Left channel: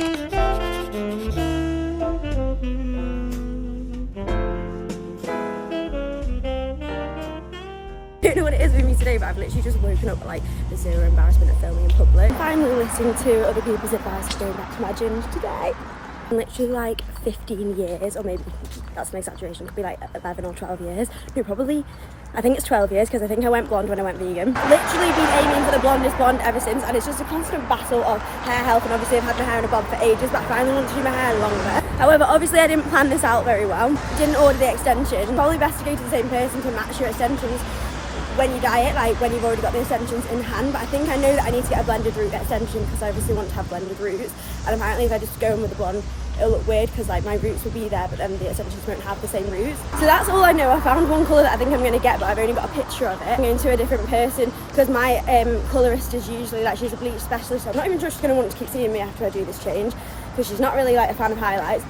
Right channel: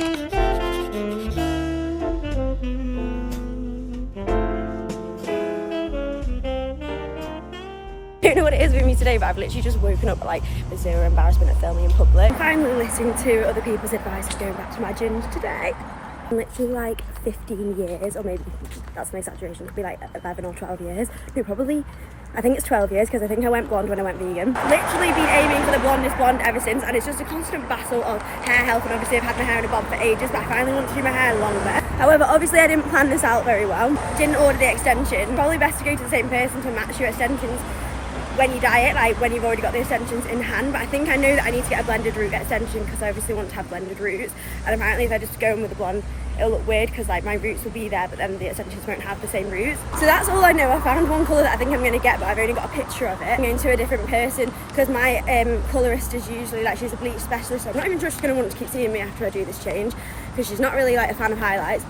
I don't know what it is with me today, but I've literally just woken up like with zero embarrassment of filming in public. I'm finally listening to other people's advice to going back to my gym today. Literally like 15 years, or maybe that's an exaggeration, it could be like 11 or 12 years. No, probably, I think it's 12 years because I think I went blonde when I went vegan. Literally been aiming for the blondest blonde ever since, and it's just a constant battle of hair health. And obviously I've had my hair in a bob for ages, but I finally want to do my hair longer. However, obviously I didn't plan this out very well. Didn't order the extension. Probably best to go to the same person to match your extensions when you dye it, like when you've already got the extensions in hand. But I think I know that I need to get a blended root extension because I obviously want to have blended roots, and apparently if I just go in with the blonde it'll look weird because like my roots will be there but then the extensions won't have the same roots. So that's all I know. I found one colour that I think I'm going to get, but I've only got a picture of it. I'm going to a different person because my colourist is usually like, she's a bleach specialist, so I'm not even sure she's going to want to keep seeing me after I do this change because she's not really like a fan of highlights.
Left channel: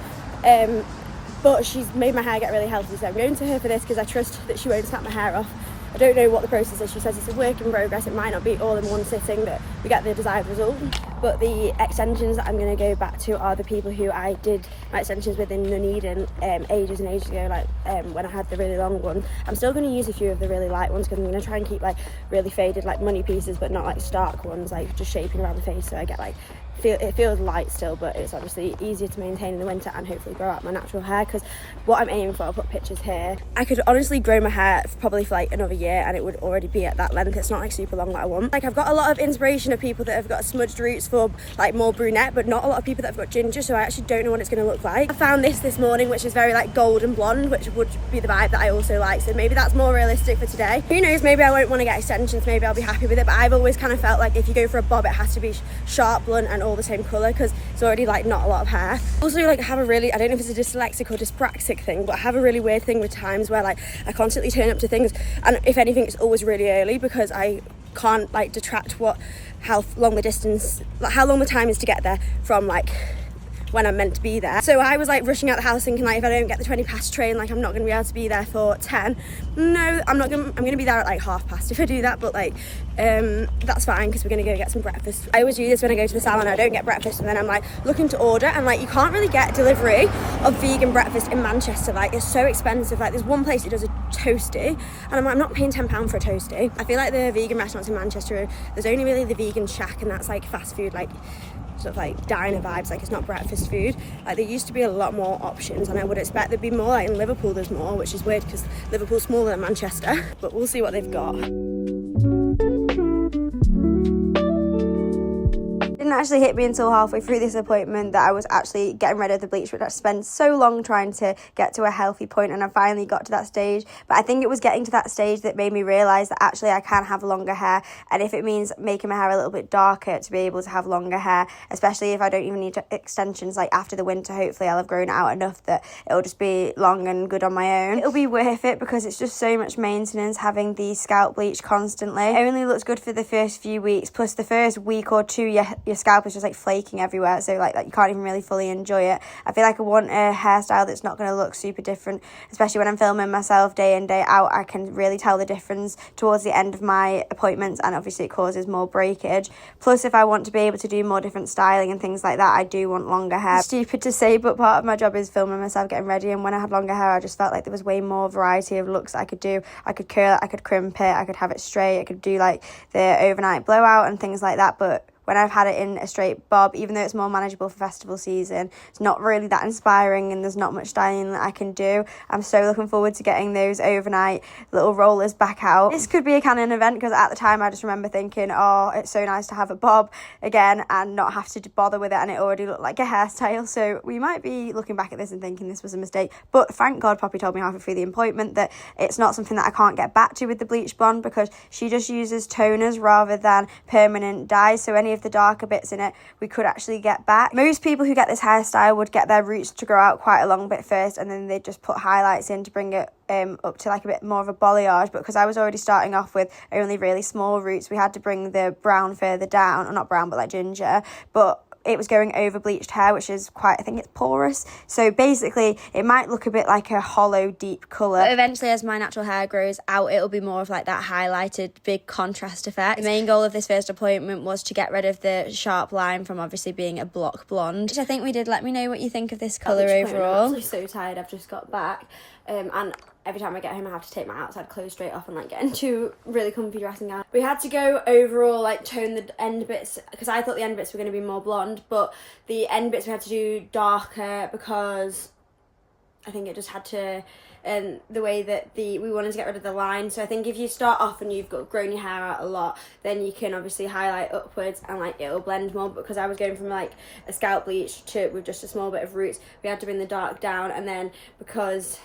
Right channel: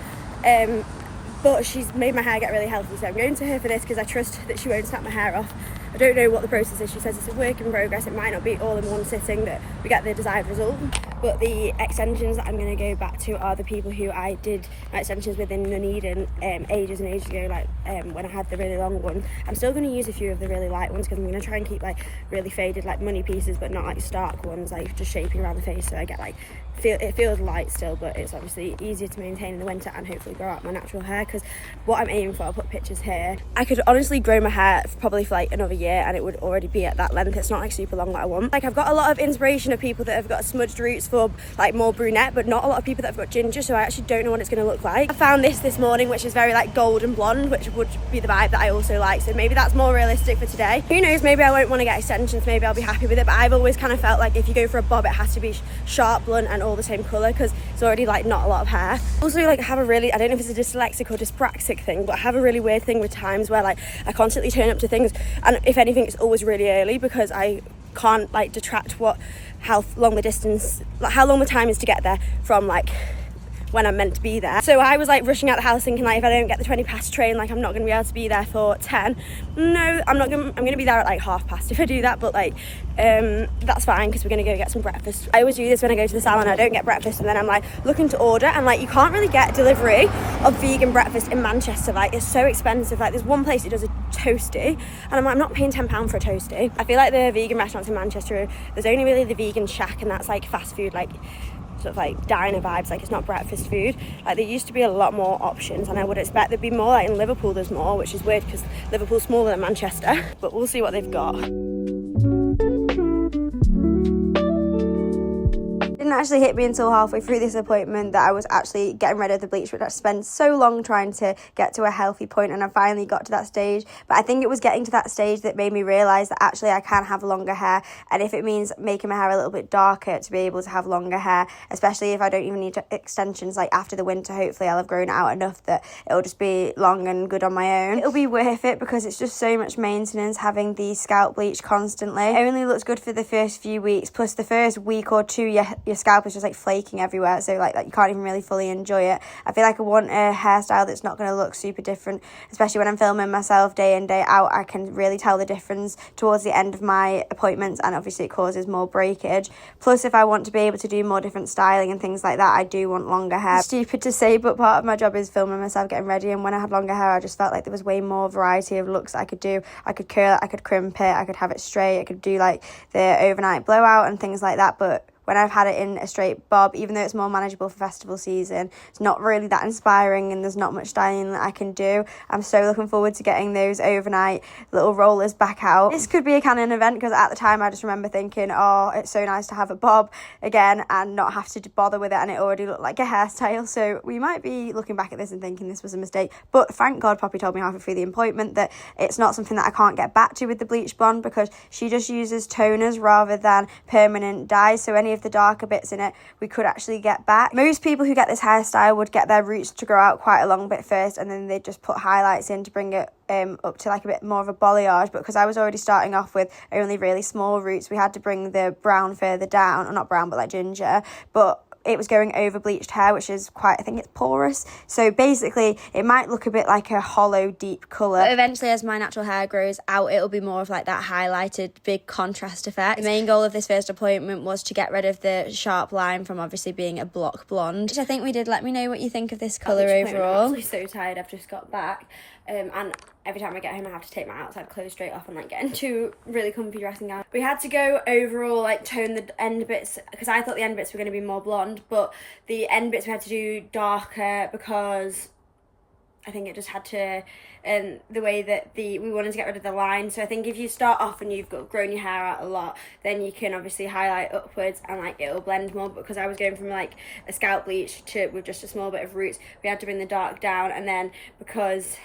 But she's made my hair get really healthy, so I'm going to her for this because I trust that she won't snap my hair off. I don't know what the process is. She says it's a work in progress. It might not be all in one sitting that we get the desired result. But the extensions that I'm going to go back to are the people who I did my extensions with in Nuneaton ages and ages ago, like when I had the really long one. I'm still going to use a few of the really light ones because I'm going to try and keep like really faded like money pieces, but not like stark ones, like just shaping around the face so I get like it feels light still, but it's obviously easier to maintain in the winter and hopefully grow out my natural hair. Because what I'm aiming for, I'll put pictures here, I could honestly grow my hair probably for like another year and it would already be at that length. It's not like super long that I want. Like I've got a lot of inspiration of people that have got smudged roots for like more brunette, but not a lot of people that have got ginger, so I actually don't know what it's going to look like. I found this morning which is very like golden blonde, which would be the vibe that I also like, so maybe that's more realistic for today. Who knows, maybe I won't want to get extensions, maybe I'll be happy with it. But I've always kind of felt like if you go for a bob it has to be sharp, blunt and all the same colour because it's already like not a lot of hair. Also like I have a really, I don't know if it's a dyslexic or dyspraxic thing, but I have a really weird thing with times where like I constantly turn up to things and if anything it's always really early because I can't like detract how long the distance, like how long the time is to get there from like when I'm meant to be there. So I was like rushing out the house thinking like if I don't get the 20 past train, like I'm not going to be able to be there for 10. No, I'm going to be there at like 5:30 if I do that, but like that's fine because we're going to go get some breakfast. I always do this when I go to the salon. I don't get breakfast and then I'm like looking to order, and like you can't really get delivery of vegan breakfast in Manchester. Like it's so expensive. Like there's one place that does a toasty and I'm like, I'm not paying £10 for a toasty. I feel like the vegan restaurants in Manchester, there's only really the vegan shack and that's like fast food, like sort of like diner vibes, like it's not breakfast food. Like there used to be a lot more options and I would expect there'd be more. Like in Liverpool there's more, which is weird because Liverpool's smaller than Manchester, but we'll see what they've got. Didn't actually hit me until halfway through this appointment that I was actually getting rid of the bleach, which I spent so long trying to get to a healthy point, and I finally got to that stage. But I think it was getting to that stage that made me realise that actually I can have longer hair, and if it means making my hair a little bit darker to be able to have longer hair, especially if I don't even need extensions, like after the winter hopefully I'll have grown it out enough that it'll just be long and good on my own. It'll be worth it because it's just so much maintenance having the scalp bleach constantly. It only looks good for the first few weeks, plus the first week or two your scalp is just like flaking everywhere, so like you can't even really fully enjoy it. I feel like I want a hairstyle that's not going to look super different, especially when I'm filming myself day in day out. I can really tell the difference towards the end of my appointments, and obviously it causes more breakage. Plus if I want to be able to do more different styling and things like that, I do want longer hair. It's stupid to say, but part of my job is filming myself getting ready, and when I had longer hair I just felt like there was way more variety of looks I could do. I could curl it, I could crimp it, I could have it straight, I could do like the overnight blowout and things like that. But when I've had it in a straight bob, even though it's more manageable for festival season, it's not really that inspiring and there's not much styling that I can do. I'm so looking forward to getting those overnight little rollers back out. This could be a canon event because at the time I just remember thinking, oh, it's so nice to have a bob again and not have to bother with it, and it already looked like a hairstyle. So we might be looking back at this and thinking this was a mistake, but thank God Poppy told me halfway through the appointment that it's not something that I can't get back to with the bleach blonde because she just uses toners rather than permanent dyes, so any of the darker bits in it we could actually get back. Most people who get this hairstyle would get their roots to grow out quite a long bit first, and then they'd just put highlights in to bring it up to like a bit more of a balayage. But because I was already starting off with only really small roots, we had to bring the brown further down, or not brown but like ginger, but it was going over bleached hair, which is quite, I think it's porous. So basically, it might look a bit like a hollow, deep colour. But eventually, as my natural hair grows out, it'll be more of like that highlighted, big contrast effect. The main goal of this first appointment was to get rid of the sharp line from obviously being a block blonde, which I think we did. Let me know what you think of this colour overall. I'm actually so tired, I've just got back. And every time I get home I have to take my outside clothes straight off and like get into really comfy dressing gown. We had to go overall like tone the end bits because I thought the end bits were going to be more blonde, but the end bits we had to do darker because I think it just had to the way that we wanted to get rid of the line. So I think if you start off and you've grown your hair out a lot, then you can obviously highlight upwards and like it'll blend more. Because I was going from like a scalp bleach to with just a small bit of roots, we had to bring the dark down, and then because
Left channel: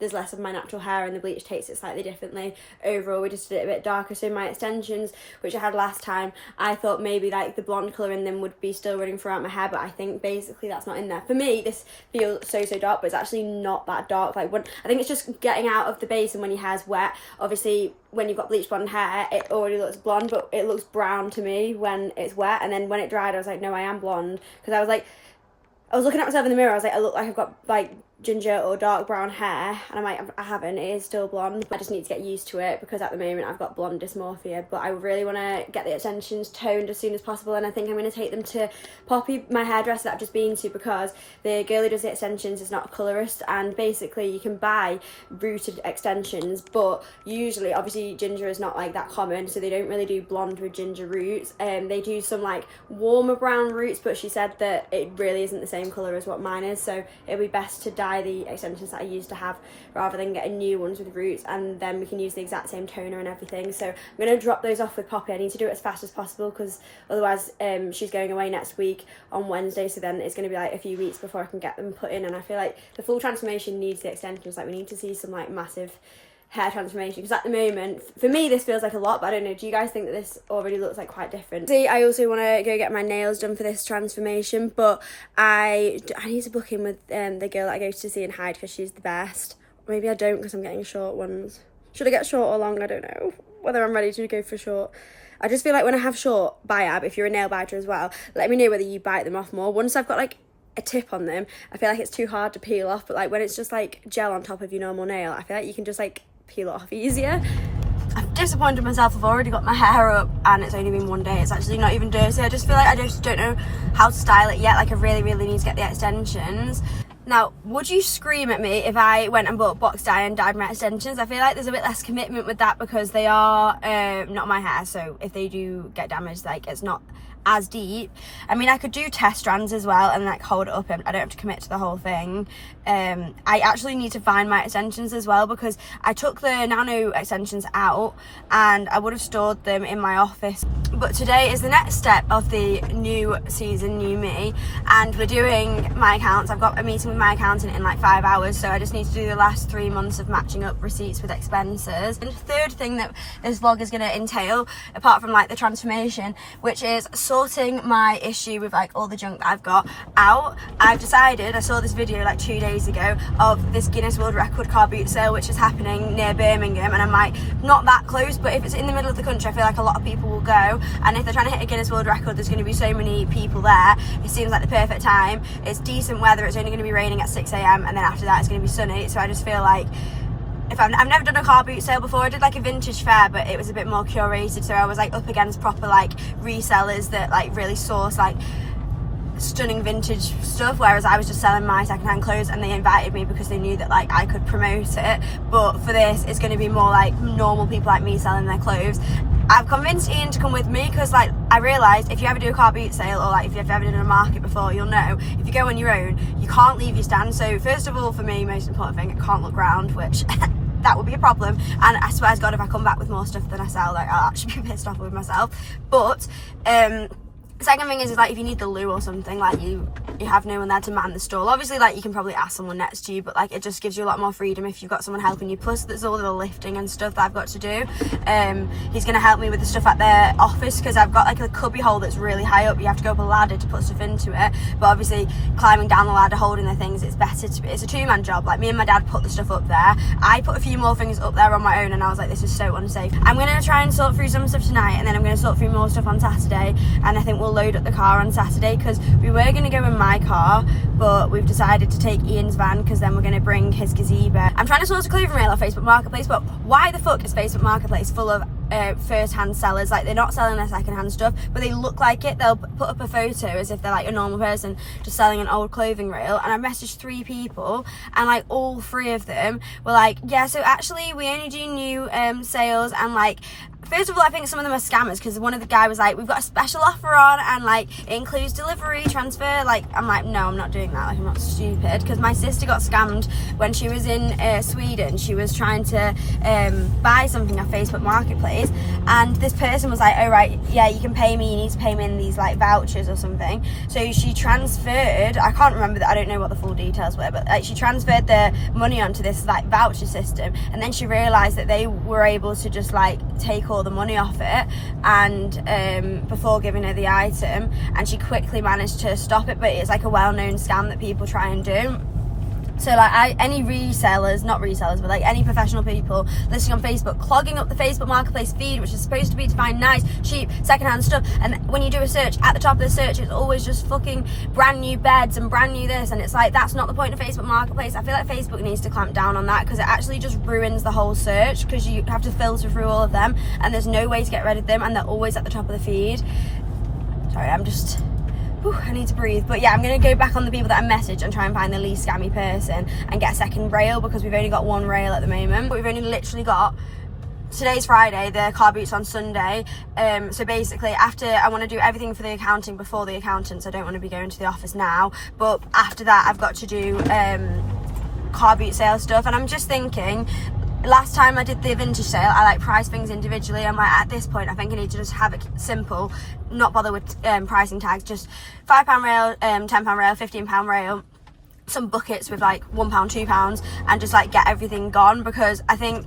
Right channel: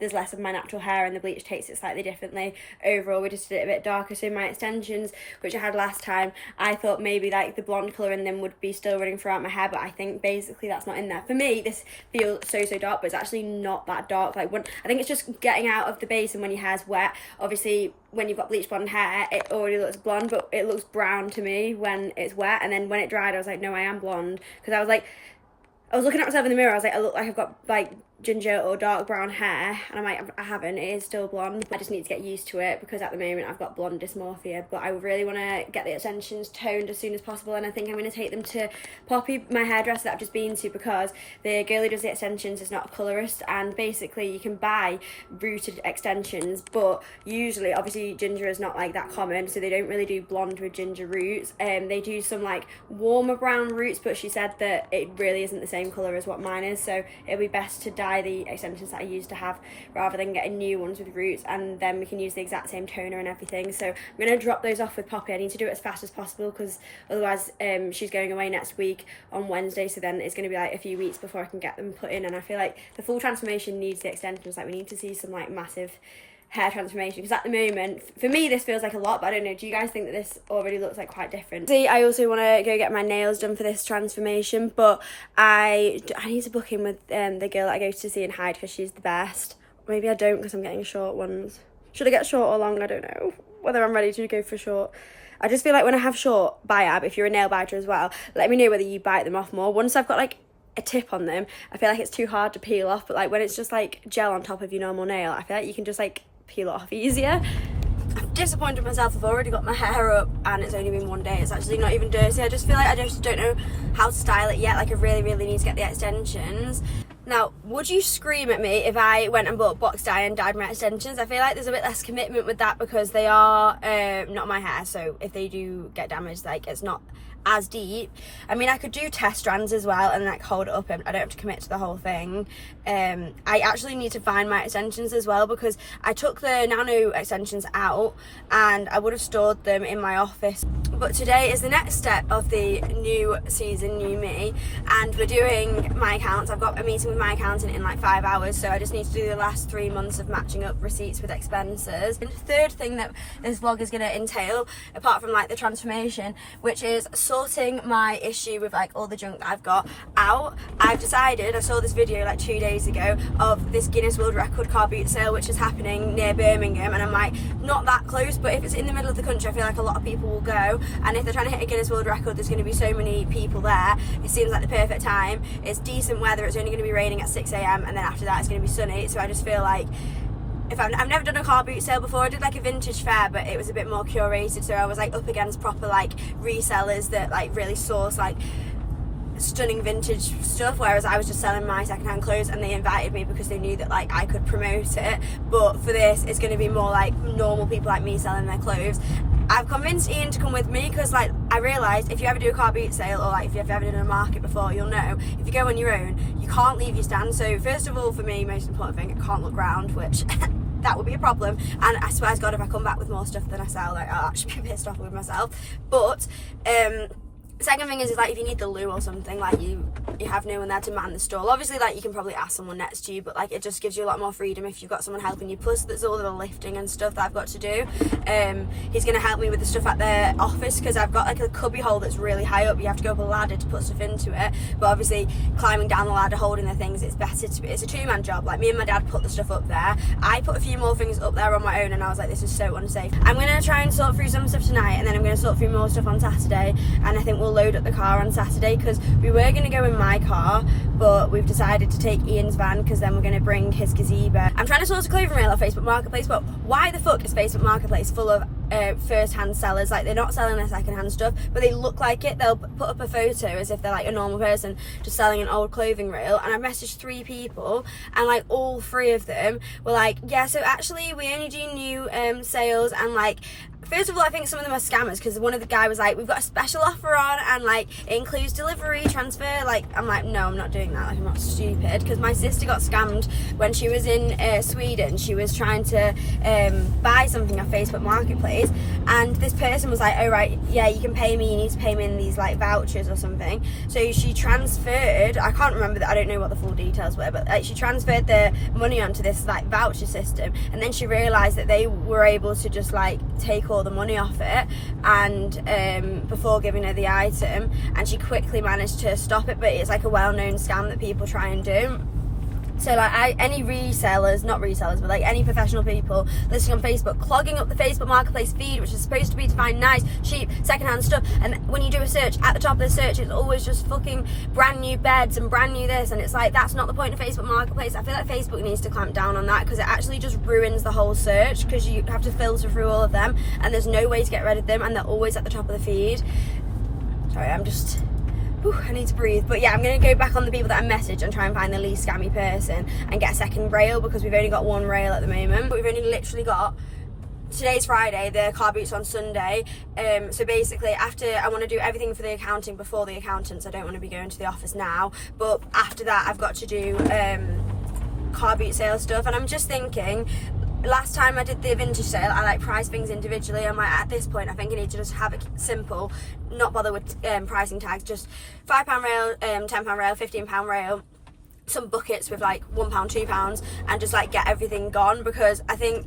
there's less of my natural hair and the bleach takes it slightly differently, overall we just did it a bit darker. So my extensions, which I had last time, I thought maybe like the blonde colour in them would be still running throughout my hair, but I think basically that's not in there. For me, this feels so dark, but it's actually not that dark. Like when I think it's just getting out of the base, and when your hair's wet, obviously when you've got bleach blonde hair, it already looks blonde, but it looks brown to me when it's wet. And then when it dried, I was like, no, I am blonde, because I was looking at myself in the mirror, I was like, I look like I've got like ginger or dark brown hair, and I'm like, I haven't, it is still blonde. I just need to get used to it because at the moment I've got blonde dysmorphia, but I really want to get the extensions toned as soon as possible, and I think I'm going to take them to Poppy, my hairdresser that I've just been to, because the girl who does the extensions is not a colourist, and basically you can buy rooted extensions, but usually, obviously ginger is not like that common, so they don't really do blonde with ginger roots. They do some like warmer brown roots, but she said that it really isn't the same colour as what mine is, so it'll be best to dye the extensions that I used to have rather than getting new ones with roots, and then we can use the exact same toner and everything. So I'm going to drop those off with Poppy. I need to do it as fast as possible because otherwise she's going away next week on Wednesday, so then it's going to be like a few weeks before I can get them put in, and I feel like the full transformation needs the extensions. Like we need to see some like massive hair transformation, because at the moment for me this feels like a lot, but I don't know, do you guys think that this already looks like quite different? See, I also want to go get my nails done for this transformation, but I need to book in with the girl that I go to see in Hyde because she's the best. Maybe I don't because I'm getting short ones. Should I get short or long? I don't know whether I'm ready to go for short. I just feel like when I have short biab, if you're a nail biter as well, let me know whether you bite them off more. Once I've got like a tip on them, I feel like it's too hard to peel off, but like when it's just like gel on top of your normal nail, I feel like you can just like peel it off easier. I'm disappointed myself. I've already got my hair up and it's only been one day. It's actually not even dirty. I just feel like I just don't know how to style it yet. Like I really need to get the extensions. Now, would you scream at me if I went and bought box dye and dyed my extensions? I feel like there's a bit less commitment with that because they are not my hair, so if they do get damaged, like it's not as deep. I mean, I could do test strands as well and like hold it up and I don't have to commit to the whole thing. I actually need to find my extensions as well because I took the nano extensions out and I would have stored them in my office. But today is the next step of the new season, new me, and we're doing my accounts. I've got a meeting with my accountant in like 5 hours, so I just need to do the last 3 months of matching up receipts with expenses. And the third thing that this vlog is going to entail, apart from like the transformation, which is sorting my issue with like all the junk that I've got out. I've decided, I saw this video like 2 days ago of this Guinness World Record car boot sale which is happening near Birmingham, and I'm like, not that close, but if it's in the middle of the country I feel like a lot of people will go, and if they're trying to hit a Guinness World Record there's going to be so many people there. It seems like the perfect time. It's decent weather, it's only going to be raining at 6 AM and then after that it's going to be sunny, so I just feel like if I've never done a car boot sale before. I did like a vintage fair, but it was a bit more curated, so I was like up against proper like resellers that like really source like stunning vintage stuff, whereas I was just selling my secondhand clothes and they invited me because they knew that like I could promote it. But for this it's going to be more like normal people like me selling their clothes. I've convinced Ian to come with me because like I realised if you ever do a car boot sale or like if you've ever done a market before, you'll know if you go on your own you can't leave your stand. So first of all, for me, most important thing, I can't look round, which that would be a problem, and I swear to God if I come back with more stuff than I sell, like I'll actually be pissed off with myself. But second thing is like if you need the loo or something, like you have no one there to man the stall. Obviously like you can probably ask someone next to you, but like it just gives you a lot more freedom if you've got someone helping you. Plus there's all the lifting and stuff that I've got to do. He's going to help me with the stuff at the office because I've got like a cubby hole that's really high up. You have to go up a ladder to put stuff into it, but obviously climbing down the ladder holding the things, it's better to be, it's a two-man job. Like me and my dad put the stuff up there, I put a few more things up there on my own, and I was like, this is so unsafe. I'm going to try and sort through some stuff tonight, and then I'm going to sort through more stuff on Saturday, and I think we'll we'll load up the car on Saturday, because we were going to go in my car, but we've decided to take Ian's van, because then we're going to bring his gazebo. I'm trying to source a clothing rail off Facebook Marketplace, but why the fuck is Facebook Marketplace full of first-hand sellers? Like, they're not selling their second-hand stuff, but they look like it. They'll put up a photo as if they're like a normal person just selling an old clothing reel. And I messaged 3 people, and like all 3 of them were like, yeah, so actually we only do new sales. And like, first of all, I think some of them are scammers, because one of the guy was like, we've got a special offer on, and like it includes delivery, transfer. Like, I'm like, no, I'm not doing that. Like, I'm not stupid. Because my sister got scammed when she was in Sweden. She was trying to buy something off Facebook Marketplace, and this person was like, oh right, yeah, you can pay me, you need to pay me in these like vouchers or something. So she transferred, I can't remember that, I don't know what the full details were, but like she transferred the money onto this like voucher system, and then she realized that they were able to just like take all the money off it, and before giving her the item, and she quickly managed to stop it. But it's like a well-known scam that people try and do. So like any resellers, not resellers, but like any professional people listing on Facebook, clogging up the Facebook Marketplace feed, which is supposed to be to find nice, cheap, secondhand stuff. And when you do a search, at the top of the search, it's always just fucking brand new beds and brand new this. And it's like, that's not the point of Facebook Marketplace. I feel like Facebook needs to clamp down on that, because it actually just ruins the whole search, because you have to filter through all of them, and there's no way to get rid of them, and they're always at the top of the feed. Sorry, I'm just... I need to breathe. But yeah, I'm going to go back on the people that I messaged and try and find the least scammy person and get a second rail, because we've only got 1 rail at the moment. We've only literally got, today's Friday, the car boot's on Sunday. So basically, after, I want to do everything for the accounting before the accountants. I don't want to be going to the office now, but after that I've got to do car boot sale stuff. And I'm just thinking, last time I did the vintage sale, I like priced things individually. I'm like, at this point I think I need to just have it simple, not bother with pricing tags, just £5 rail, £10 rail, £15 rail, some buckets with like £1, £2, and just like get everything gone. Because I think,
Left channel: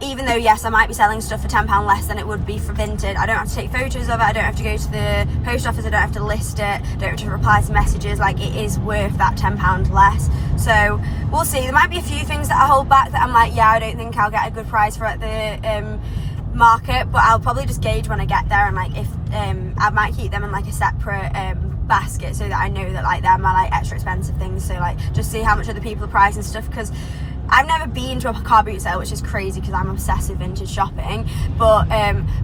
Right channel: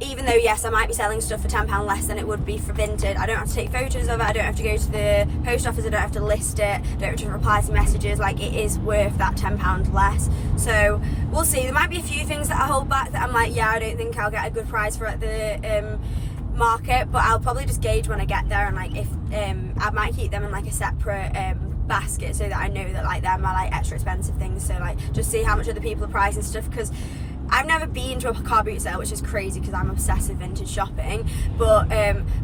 even though yes, I might be selling stuff for £10 less than it would be for vintage, I don't have to take photos of it, I don't have to go to the post office, I don't have to list it, I don't have to reply to messages. Like, it is worth that £10 less. So we'll see. There might be a few things that I hold back that I'm like, yeah, I don't think I'll get a good price for at the market, but I'll probably just gauge when I get there. And like, if I might keep them in like a separate basket, so that I know that like they're my like extra expensive things. So like, just see how much other people are pricing stuff, because I've never been to a car boot sale, which is crazy because I'm obsessive vintage shopping. But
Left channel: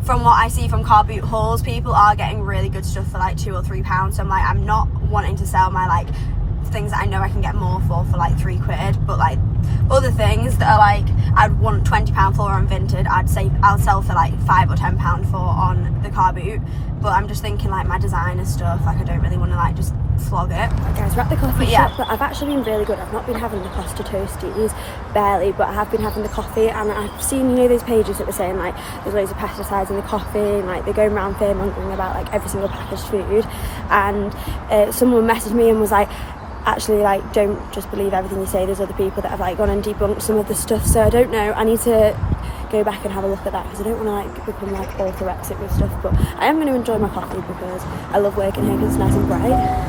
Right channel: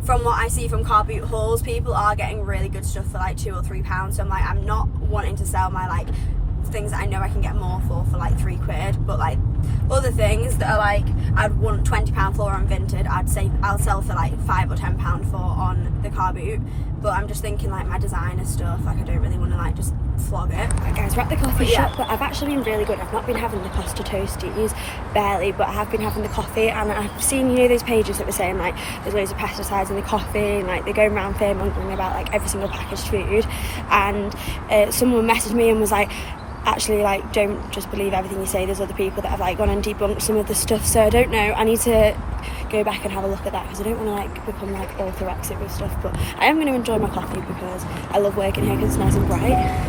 from what I see from car boot hauls, people are getting really good stuff for like £2 or £3. So I'm like, I'm not wanting to sell my like things that I know I can get more for like £3. But like other things that are like, I'd want £20 for on vintage, I'd say I'll sell for like £5 or £10 for on the car boot. But I'm just thinking like my designer stuff, like I don't really want to like just flog it. Right guys, we're at the coffee shop, but I've actually been really good. I've not been having the pasta toasties, barely, but I have been having the coffee. And I've seen, you know, those pages that were saying like there's loads of pesticides in the coffee, and like they're going around fear-mongering about like every single packaged food. And someone messaged me and was like, actually, like, don't just believe everything you say, there's other people that have like gone and debunked some of the stuff. So I don't know, I need to go back and have a look at that, because I don't want to like become like orthorexic with stuff. But I am going to enjoy my coffee because I love working here, because it's nice and bright.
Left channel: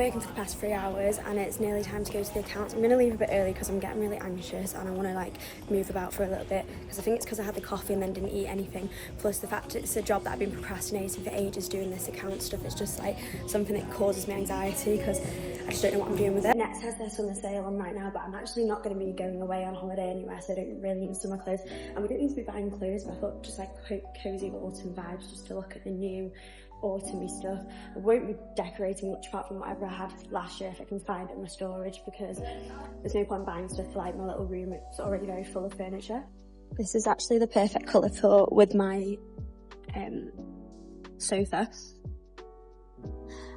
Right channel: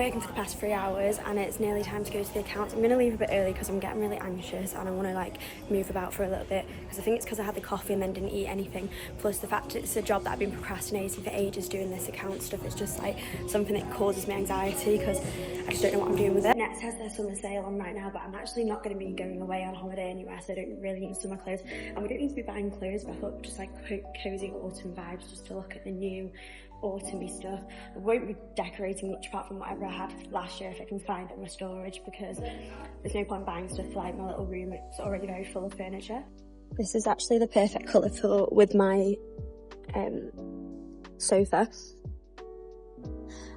working for the past 3 hours and it's nearly time to go to the accounts. I'm going to leave a bit early because I'm getting really anxious and I want to like move about for a little bit, because I think it's because I had the coffee and then didn't eat anything, plus the fact it's a job that I've been procrastinating for ages. Doing this account stuff, it's just like something that causes me anxiety because I just don't know what I'm doing with it. Next has their summer sale on right now, but I'm actually not going to be going away on holiday anywhere, so I don't really need summer clothes, and we don't need to be buying clothes, but I thought just like cozy autumn vibes, just to look at the new autumny stuff. I won't be decorating much apart from whatever I had last year if I can find it in my storage, because there's no point buying stuff for like my little room. It's already very full of furniture. This is actually the perfect colour for with my sofa,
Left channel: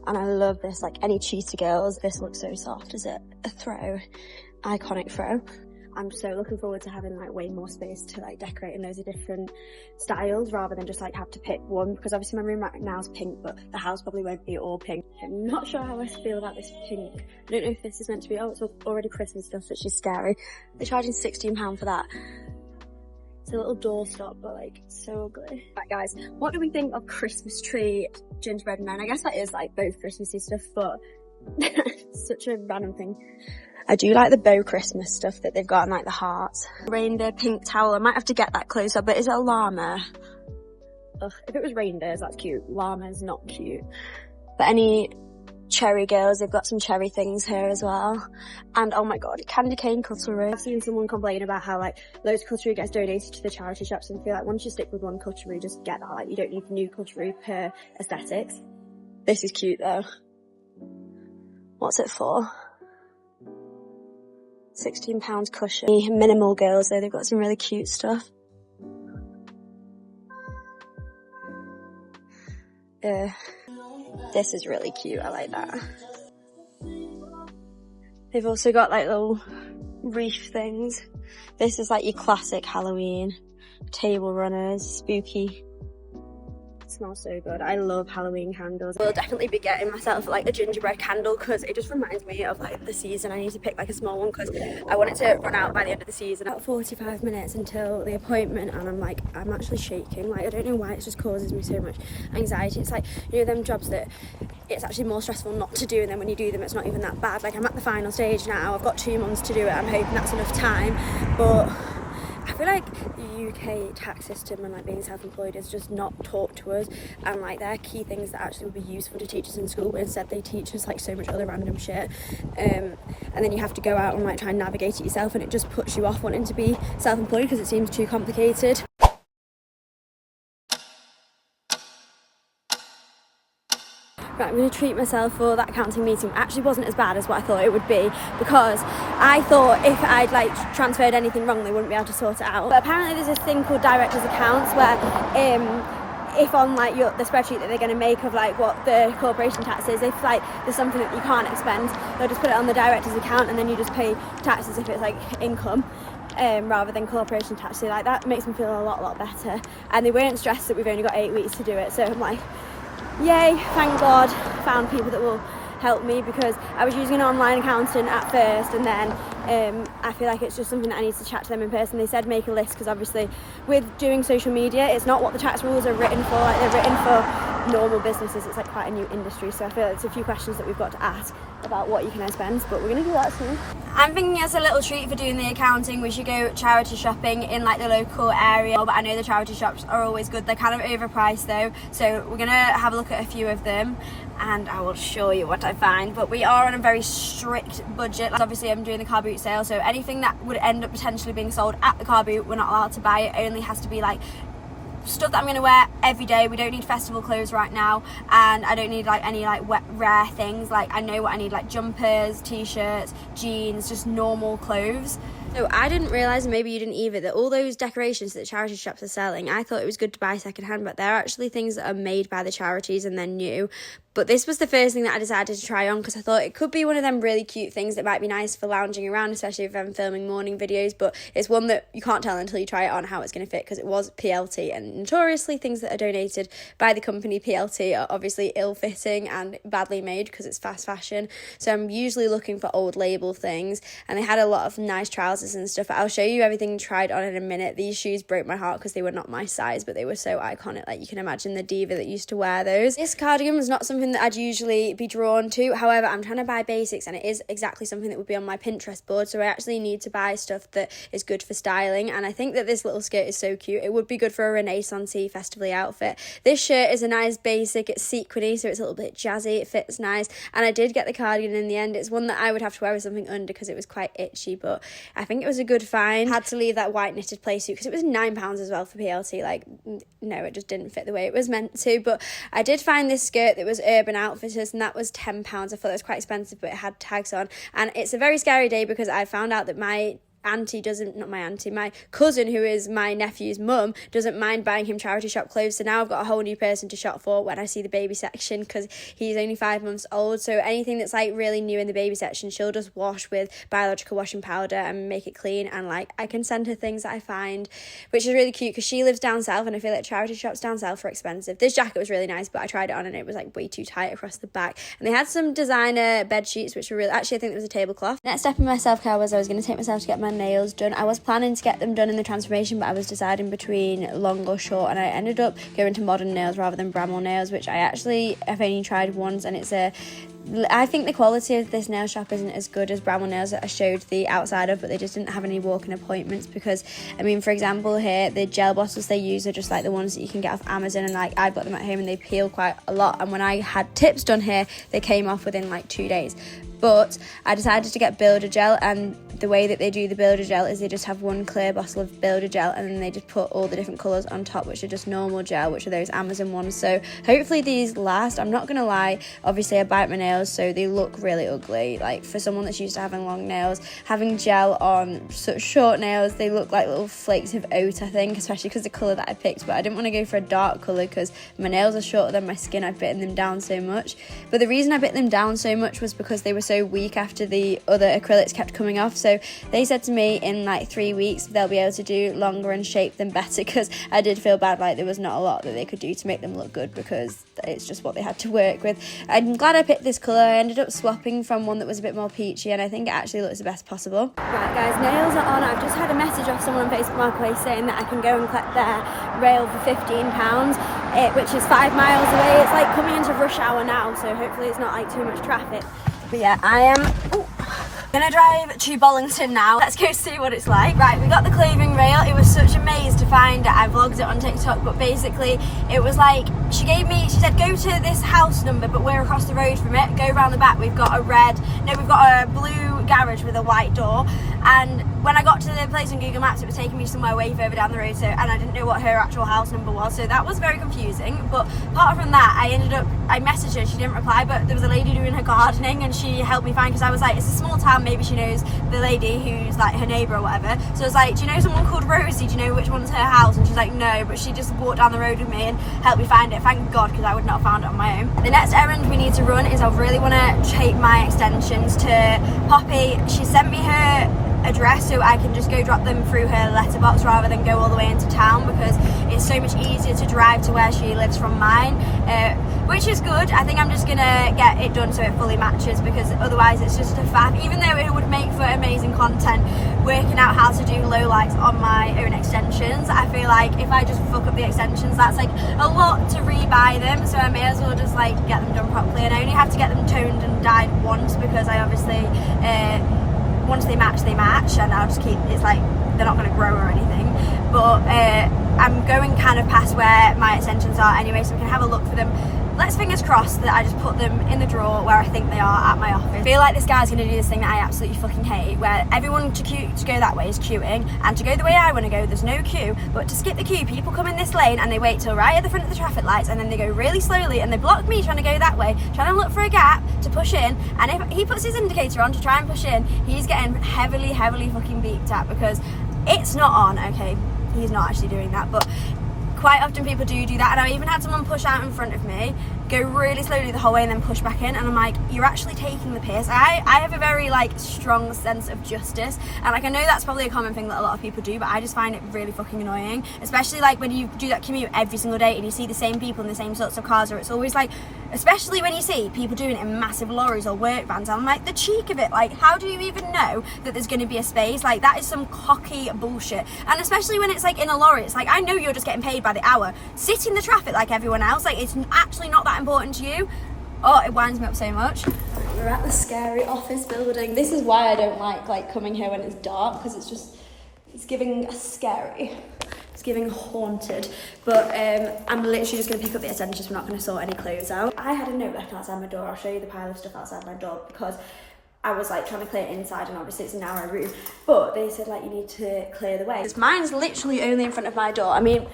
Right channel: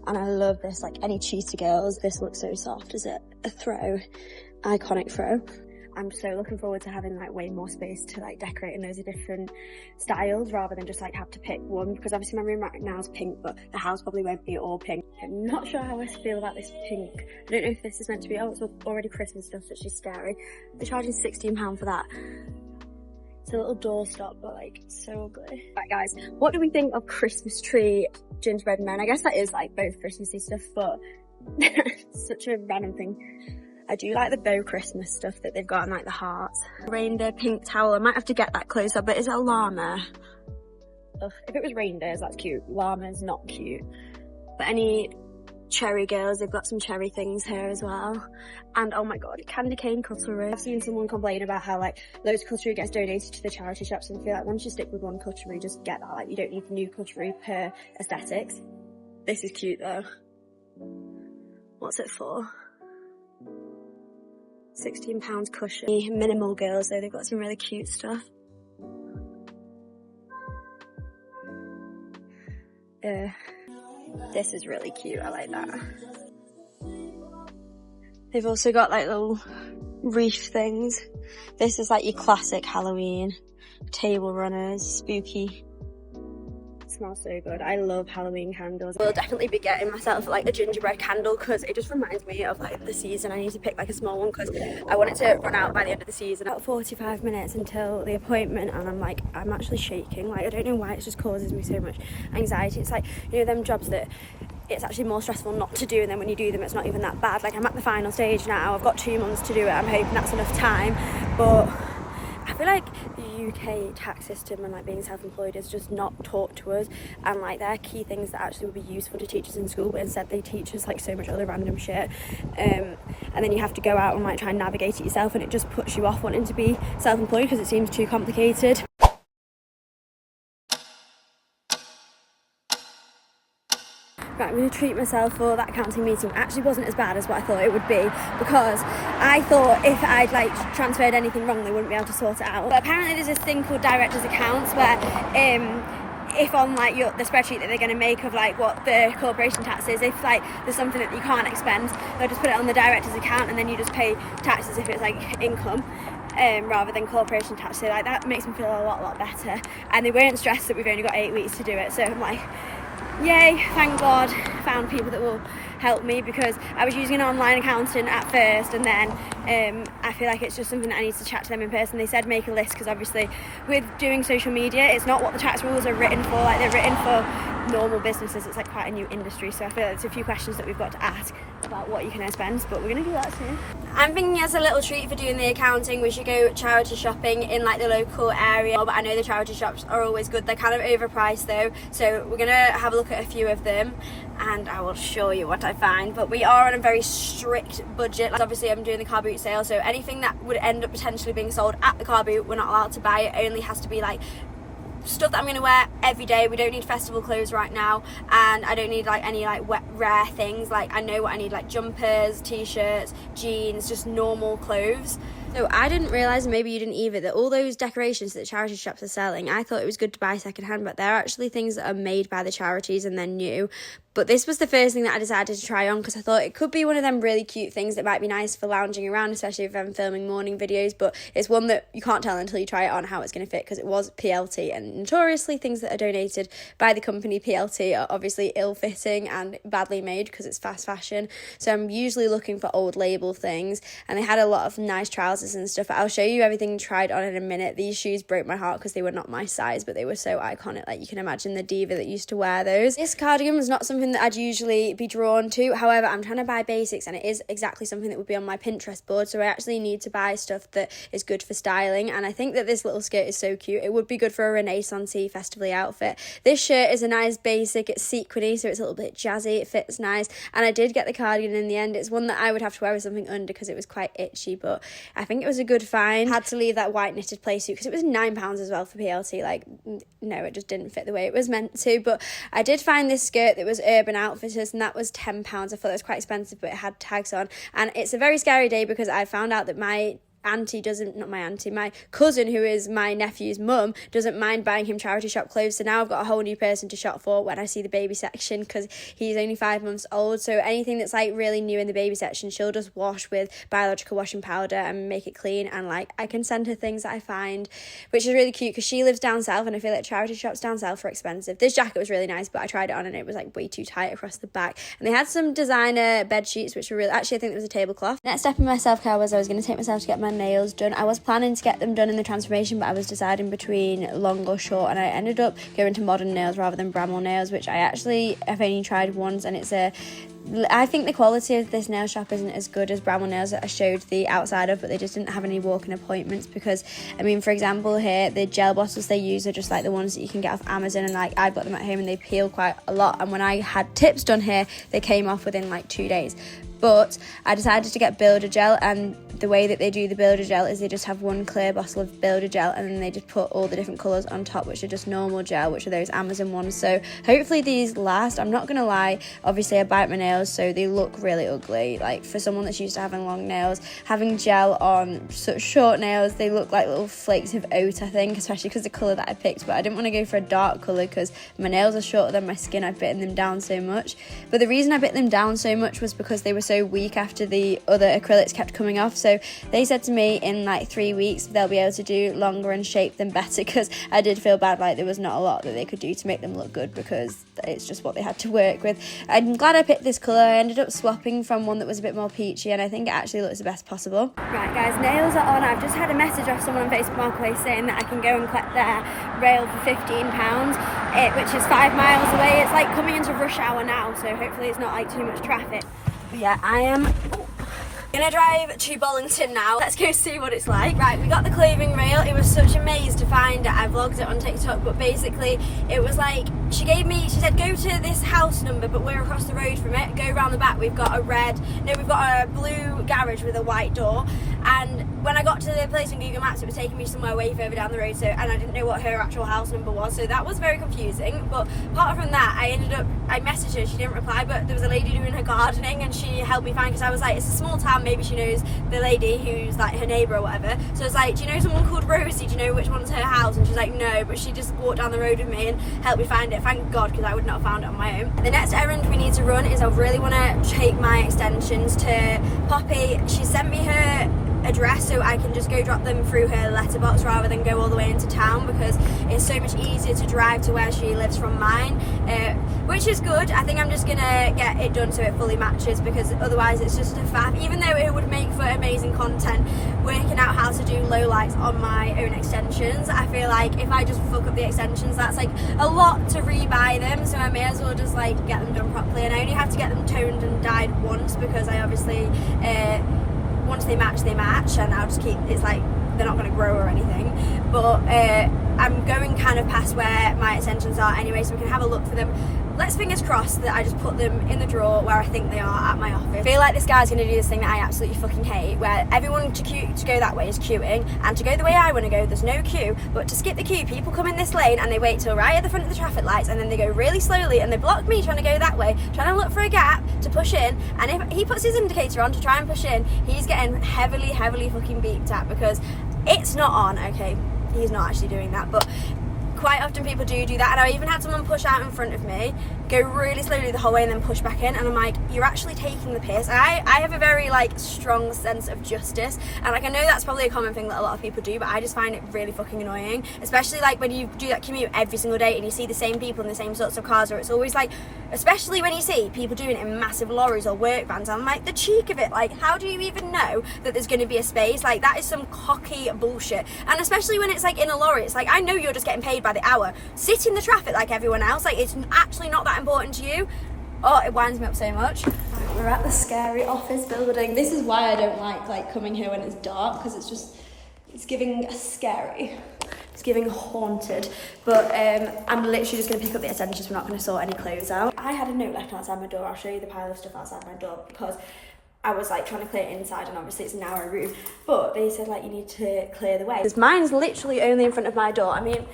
and I love this. Like any cheetah girls, this looks so soft. Is it a throw? Iconic throw. I'm so looking forward to having like way more space to like decorate in loads of different styles rather than just like have to pick one, because obviously my room right now is pink, but the house probably won't be all pink. I'm not sure how I feel about this pink. I don't know if this is meant to be, oh, it's already Christmas stuff, which is scary. They're charging £16 for that. It's a little doorstop, but like so ugly. Right guys, what do we think of Christmas tree gingerbread men? I guess that is like both Christmassy stuff, but such a random thing. I do like the bow Christmas stuff that they've got, and like the hearts. Reindeer pink towel. I might have to get that closer, but is it a llama? Ugh, if it was reindeers, that's cute. Llama's not cute. But any cherry girls, they've got some cherry things here as well. And oh my god, candy cane cutlery. I've seen someone complain about how like loads of cutlery gets donated to the charity shops, and I feel like once you stick with one cutlery, just get that. Like you don't need new cutlery per aesthetics. This is cute though. What's it for? £16 cushion. Minimal girls though, they've got some really cute stuff. This is really cute, I like that. They've also got like little wreath things. This is like your classic Halloween. Table runners, spooky. Smells so good. I love Halloween candles. I'll definitely be getting myself like a gingerbread candle because it just reminds me of like the season. I need to pick like a small one because I want it to run out by the end of the season. About 45 minutes until the appointment, and I'm actually shaking. Like I don't know why, it just causes me so much anxiety. It's like, you know, them jobs that it's actually more stressful not to do, and then when you do them it's not even that bad. Like I'm at the final stage now. I've got 2 months to do it. I'm hoping that's enough time, but I feel like the UK tax system and like being self-employed is just not taught to us, and like there are key things that actually would be useful to teach us in school, but instead they teach us like so much other random shit, and then you have to go out and like try and navigate it yourself, and it just puts you off wanting to be self-employed because it seems too complicated. Right, I'm going to treat myself for that accounting meeting. It actually wasn't as bad as what I thought it would be, because I thought if I'd like transferred anything wrong they wouldn't be able to sort it out. But apparently there's this thing called director's accounts where if on like the spreadsheet that they're going to make of like what the corporation tax is, if like there's something that you can't expend, they'll just put it on the director's account and then you just pay tax as if it's like income. Rather than corporation tax. So like that makes me feel a lot better, and they weren't stressed that we've only got 8 weeks to do it, so I'm like, yay, thank God, found people that will help me, because I was using an online accountant at first, and then I feel like it's just something that I need to chat to them in person. They said make a list, because obviously with doing social media it's not what the tax rules are written for. Like they're written for normal businesses. It's like quite a new industry, so I feel like there's a few questions that we've got to ask about what you can expense, but we're going to do that soon. I'm thinking as a little treat for doing the accounting we should go charity shopping in like the local area, but I know the charity shops are always good. They're kind of overpriced though, so we're going to have a look at a few of them and I will show you what I find. But we are on a very strict budget. Like obviously I'm doing the car boot sale, so anything that would end up potentially being sold at the car boot we're not allowed to buy. It only has to be like stuff that I'm going to wear every day. We don't need festival clothes right now, and I don't need like any like rare things. Like I know what I need, like jumpers, t-shirts, jeans, just normal clothes. So I didn't realise, and maybe you didn't either, that all those decorations that the charity shops are selling, I thought it was good to buy second hand, but they're actually things that are made by the charities and they're new. But this was the first thing that I decided to try on, because I thought it could be one of them really cute things that might be nice for lounging around, especially if I'm filming morning videos. But it's one that you can't tell until you try it on how it's going to fit, because it was PLT, and notoriously things that are donated by the company PLT are obviously ill-fitting and badly made because it's fast fashion. So I'm usually looking for old label things, and they had a lot of nice trousers trousers and stuff. I'll show you everything tried on in a minute. These shoes broke my heart because they were not my size, but they were so iconic. Like, you can imagine the diva that used to wear those. This cardigan was not something that I'd usually be drawn to. However, I'm trying to buy basics, and it is exactly something that would be on my Pinterest board, so I actually need to buy stuff that is good for styling. And I think that this little skirt is so cute. It would be good for a Renaissance-y festively outfit. This shirt is a nice basic. It's sequiny, so it's a little bit jazzy. It fits nice, and I did get the cardigan in the end. It's one that I would have to wear with something under because it was quite itchy, but I think it was a good find. Had to leave that white knitted play suit because it was £9 as well for PLT. Like, no, it just didn't fit the way it was meant to. But I did find this skirt that was Urban Outfitters, and that was £10. I thought it was quite expensive, but it had tags on. And it's a very scary day because I found out that my cousin, who is my nephew's mum, doesn't mind buying him charity shop clothes. So now I've got a whole new person to shop for when I see the baby section, because he's only 5 months old. So anything that's like really new in the baby section, she'll just wash with biological washing powder and make it clean. And like, I can send her things that I find, which is really cute because she lives down south, and I feel like charity shops down south are expensive. This jacket was really nice, but I tried it on and it was like way too tight across the back. And they had some designer bed sheets, which were really, actually I think it was a tablecloth. Next step in my self-care was I was going to take myself to get my nails done. I was planning to get them done in the transformation, but I was deciding between long or short, and I ended up going to modern nails rather than Bramall nails, which have only tried once, and I think the quality of this nail shop isn't as good as Bramall nails that I showed the outside of, but they just didn't have any walk-in appointments because, I mean, for example here, the gel bottles they use are just like the ones that you can get off Amazon, and like I've got them at home and they peel quite a lot, and when I had tips done here, they came off within like 2 days. But I decided to get Builder Gel, and the way that they do the Builder Gel is they just have one clear bottle of Builder Gel, and then they just put all the different colours on top, which are just normal gel, which are those Amazon ones. So hopefully these last. I'm not going to lie, obviously I bite my nails, so they look really ugly. Like, for someone that's used to having long nails, having gel on such short nails, they look like little flakes of oat, I think, especially because the colour that I picked. But I didn't want to go for a dark colour because my nails are shorter than my skin. I've bitten them down so much. But the reason I bit them down so much was because they were so weak after the other acrylics kept coming off. So they said to me in like 3 weeks they'll be able to do longer and shape them better, because I did feel bad, like there was not a lot that they could do to make them look good because it's just what they had to work with. I'm glad I picked this colour. I ended up swapping from one that was a bit more peachy, and I think it actually looks the best possible. Right guys, nails are on. I've just had a message off someone on Facebook Marketplace saying that I can go and collect their rail for £15, which is 5 miles away. It's like coming into rush hour now, so hopefully it's not like too much traffic. But yeah, I am gonna drive to Bollington now. Let's go see what it's like. Right, we got the clothing rail. It was such a maze to find it. I vlogged it on TikTok, but basically it was like, she said go to this house number, but we're across the road from it. Go around the back, we've got a blue garage with a white door. And when I got to the place on Google Maps, it was taking me somewhere way further down the road, and I didn't know what her actual house number was, so that was very confusing. But apart from that, I messaged her, she didn't reply, but there was a lady doing her gardening and she helped me find, because I was like, it's a small town, maybe she knows the lady who's like her neighbour or whatever. So I was like, do you know someone called Rosie? Do you know which one's her house? And she's like, no, but she just walked down the road with me and helped me find it. Thank God, because I would not have found it on my own. The next errand we need to run is I really want to take my extensions to Poppy. She sent me her address so I can just go drop them through her letterbox rather than go all the way into town, because it's so much easier to drive to where she lives from mine, which is good. I think I'm just gonna get it done so it fully matches, because otherwise it's just a faff. Even though it would make for amazing content working out how to do low lights on my own extensions, I feel like if I just fuck up the extensions, that's like a lot to rebuy them, so I may as well just like get them done properly. And I only have to get them toned and dyed once, because I obviously once they match, and I'll just keep, it's like they're not going to grow or anything. But I'm going kind of past where my extensions are anyway, so we can have a look for them. Let's fingers crossed that I just put them in the drawer where I think they are at my office. I feel like this guy's going to do this thing that I absolutely fucking hate, where everyone to go that way is queuing, and to go the way I want to go, there's no queue. But to skip the queue, people come in this lane and they wait till right at the front of the traffic lights, and then they go really slowly and they block me trying to go that way, trying to look for a gap to push in. And if he puts his indicator on to try and push in, he's getting heavily fucking beeped at, because it's not on. Okay, he's not actually doing that, but quite often people do that. And I even had someone push out in front of me go really slowly the whole way and then push back in, and I'm like, you're actually taking the piss. I have a very like strong sense of justice, and like I know that's probably a common thing that a lot of people do, but I just find it really fucking annoying, especially like when you do that commute every single day and you see the same people in the same sorts of cars, or it's always like, especially when you see people doing it in massive lorries or work vans, I'm like, the cheek of it, like how do you even know that there's going to be a space? Like that is some cocky bullshit. And especially when it's like in a lorry, it's like, I know you're just getting paid by the hour, sit in the traffic like everyone else, like it's actually not that important to you. Oh, it winds me up so much. Right, we're at the scary office building. This is why I don't like coming here when it's dark, because it's giving scary. It's giving haunted. But I'm literally just going to pick up the essentials. We're not going to sort any clothes out. I had a note left outside my door. I'll show you the pile of stuff outside my door, because I was like trying to clear it inside, and obviously it's a narrow room. But they said like you need to clear the way. Because mine's literally only in front of my door. I mean,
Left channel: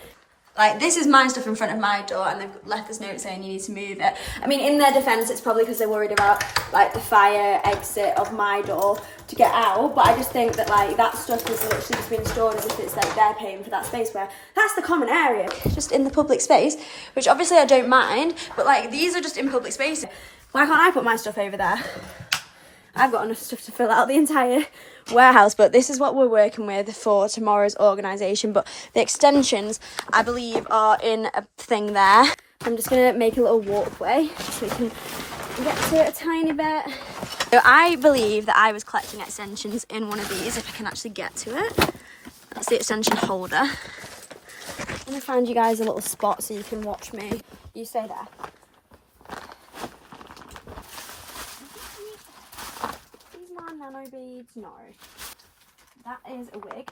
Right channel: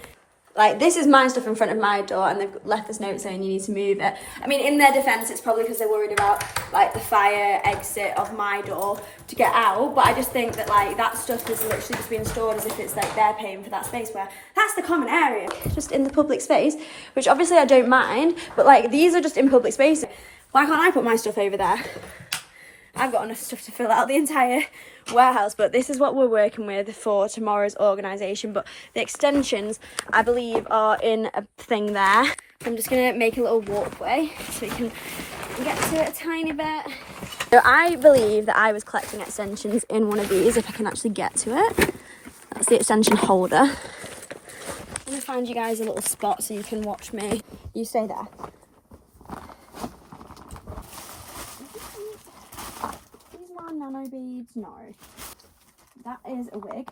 like this is my stuff in front of my door, and they've left this note saying you need to move it. I mean, in their defence, it's probably because they're worried about like the fire exit of my door to get out. But I just think that like that stuff is literally just being stored as if it's like they're paying for that space, where that's the common area, just in the public space, which obviously I don't mind. But like these are just in public space. Why can't I put my stuff over there? I've got enough stuff to fill out the entire warehouse, but this is what we're working with for tomorrow's organisation. But the extensions, I believe, are in a thing there. I'm just going to make a little walkway so we can get to it a tiny bit. So I believe that I was collecting extensions in one of these, if I can actually get to it. That's the extension holder. I'm going to find you guys a little spot so you can watch me. You stay there. Nano beads, no. That is a wig.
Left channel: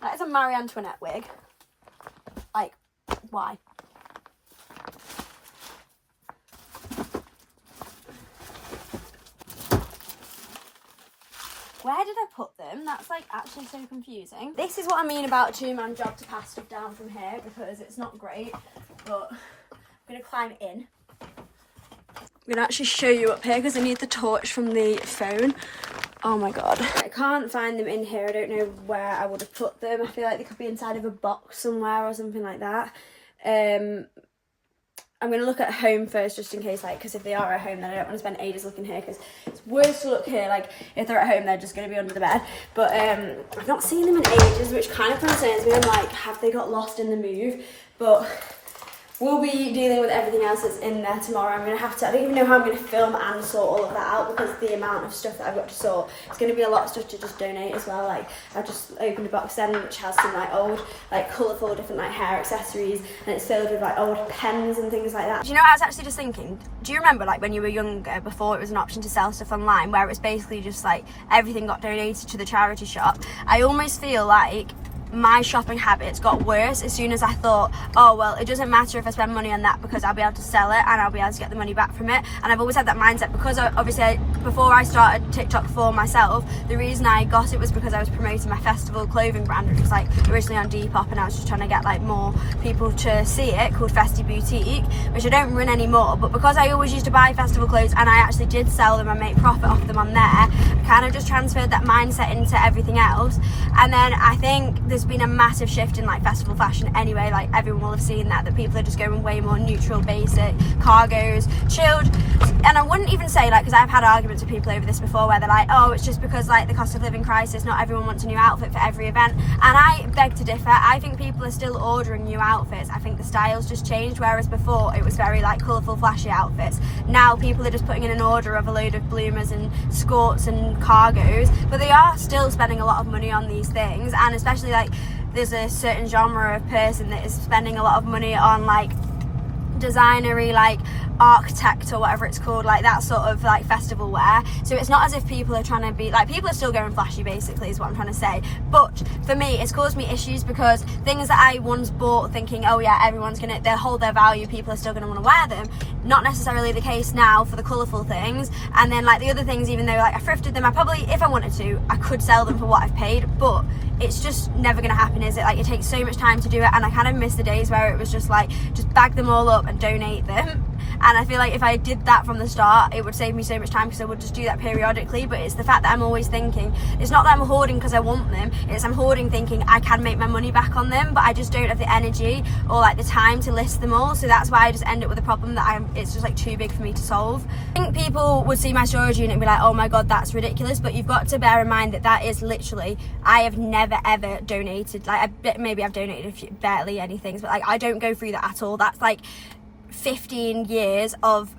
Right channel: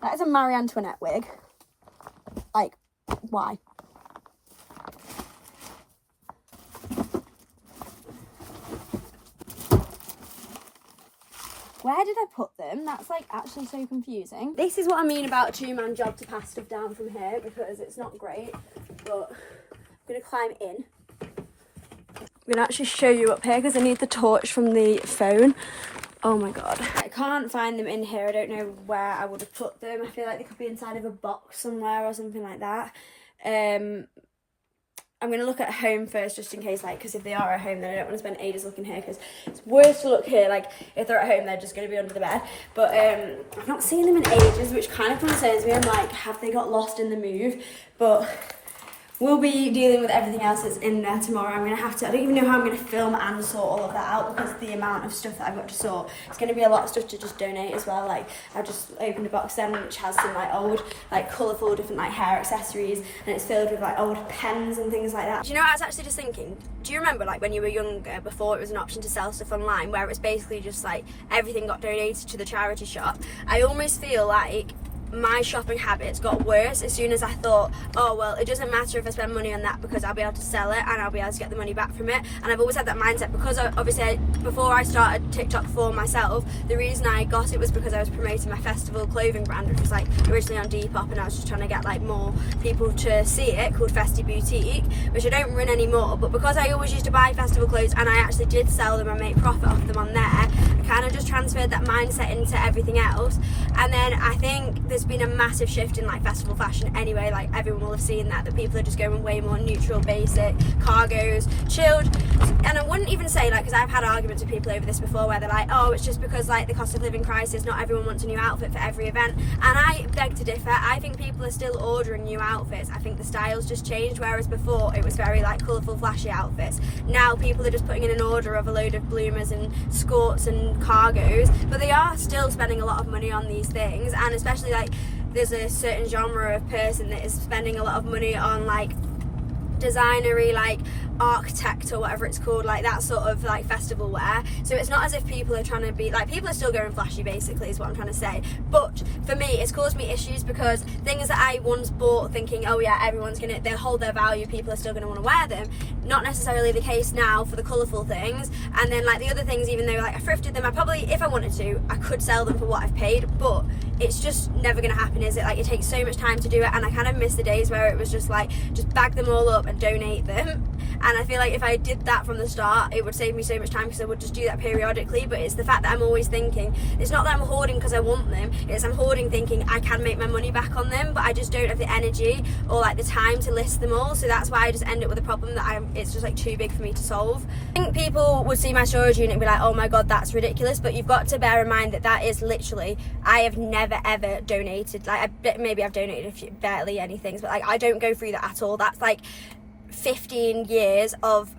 That is a Marie Antoinette wig. Like, why? Where did I put them? That's like actually so confusing. This is what I mean about a two-man job to pass stuff down from here, because it's not great, but I'm gonna climb in. I'm going to actually show you up here because I need the torch from the phone. Oh my god. I can't find them in here. I don't know where I would have put them. I feel like they could be inside of a box somewhere or something like that. I'm going to look at home first, just in case, like, because if they are at home, then I don't want to spend ages looking here, because it's worse to look here. Like, if they're at home, they're just going to be under the bed. But I've not seen them in ages, which kind of concerns me. I'm like, have they got lost in the move? But we'll be dealing with everything else that's in there tomorrow. I'm going to have to, I don't even know how I'm going to film and sort all of that out, because the amount of stuff that I've got to sort, it's going to be a lot of stuff to just donate as well. Like, I've just opened a box then, which has some like old, like colourful different like hair accessories, and it's filled with like old pens and things like that. Do you know what I was actually just thinking? Do you remember like when you were younger, before it was an option to sell stuff online, where it was basically just like everything got donated to the charity shop? I almost feel like my shopping habits got worse as soon as I thought, oh well, it doesn't matter if I spend money on that, because I'll be able to sell it and I'll be able to get the money back from it. And I've always had that mindset, because obviously before I started TikTok for myself, the reason I got it was because I was promoting my festival clothing brand, which was like originally on Depop, and I was just trying to get like more people to see it, called Festy Boutique, which I don't run anymore. But because I always used to buy festival clothes and I actually did sell them and make profit off them on there, I kind of just transferred that mindset into everything else. And then I think there's been a massive shift in like festival fashion anyway. Like everyone will have seen that people are just going way more neutral, basic, cargos, chilled. And I wouldn't even say like, because I've had arguments with people over this before, where they're like, oh, it's just because like the cost of living crisis, not everyone wants a new outfit for every event. And I beg to differ. I think people are still ordering new outfits. I think the style's just changed, whereas before it was very like colourful, flashy outfits. Now people are just putting in an order of a load of bloomers and skirts and cargos, but they are still spending a lot of money on these things. And especially like there's a certain genre of person that is spending a lot of money on like designery, like architect or whatever it's called, like that sort of like festival wear. So it's not as if people are trying to be like, people are still going flashy basically is what I'm trying to say. But for me, it's caused me issues, because things that I once bought thinking, oh yeah, everyone's gonna, they'll hold their value, people are still gonna want to wear them, not necessarily the case now for the colourful things. And then like the other things, even though like I thrifted them, I probably, if I wanted to, I could sell them for what I've paid, but it's just never gonna happen, is it? Like it takes so much time to do it, and I kind of miss the days where it was just like, just bag them all up and donate them. and I feel like if I did that from the start, it would save me so much time, because I would just do that periodically. But it's the fact that I'm always thinking, it's not that I'm hoarding because I want them, it's I'm hoarding thinking I can make my money back on them, but I just don't have the energy or like the time to list them all. So that's why I just end up with a problem that it's just like too big for me to solve. I think people would see my storage unit and be like, oh my god, that's ridiculous, but you've got to bear in mind that that is literally, I have never ever donated, like maybe I've donated barely any things, but like I don't go through that at all. That's like 15 years of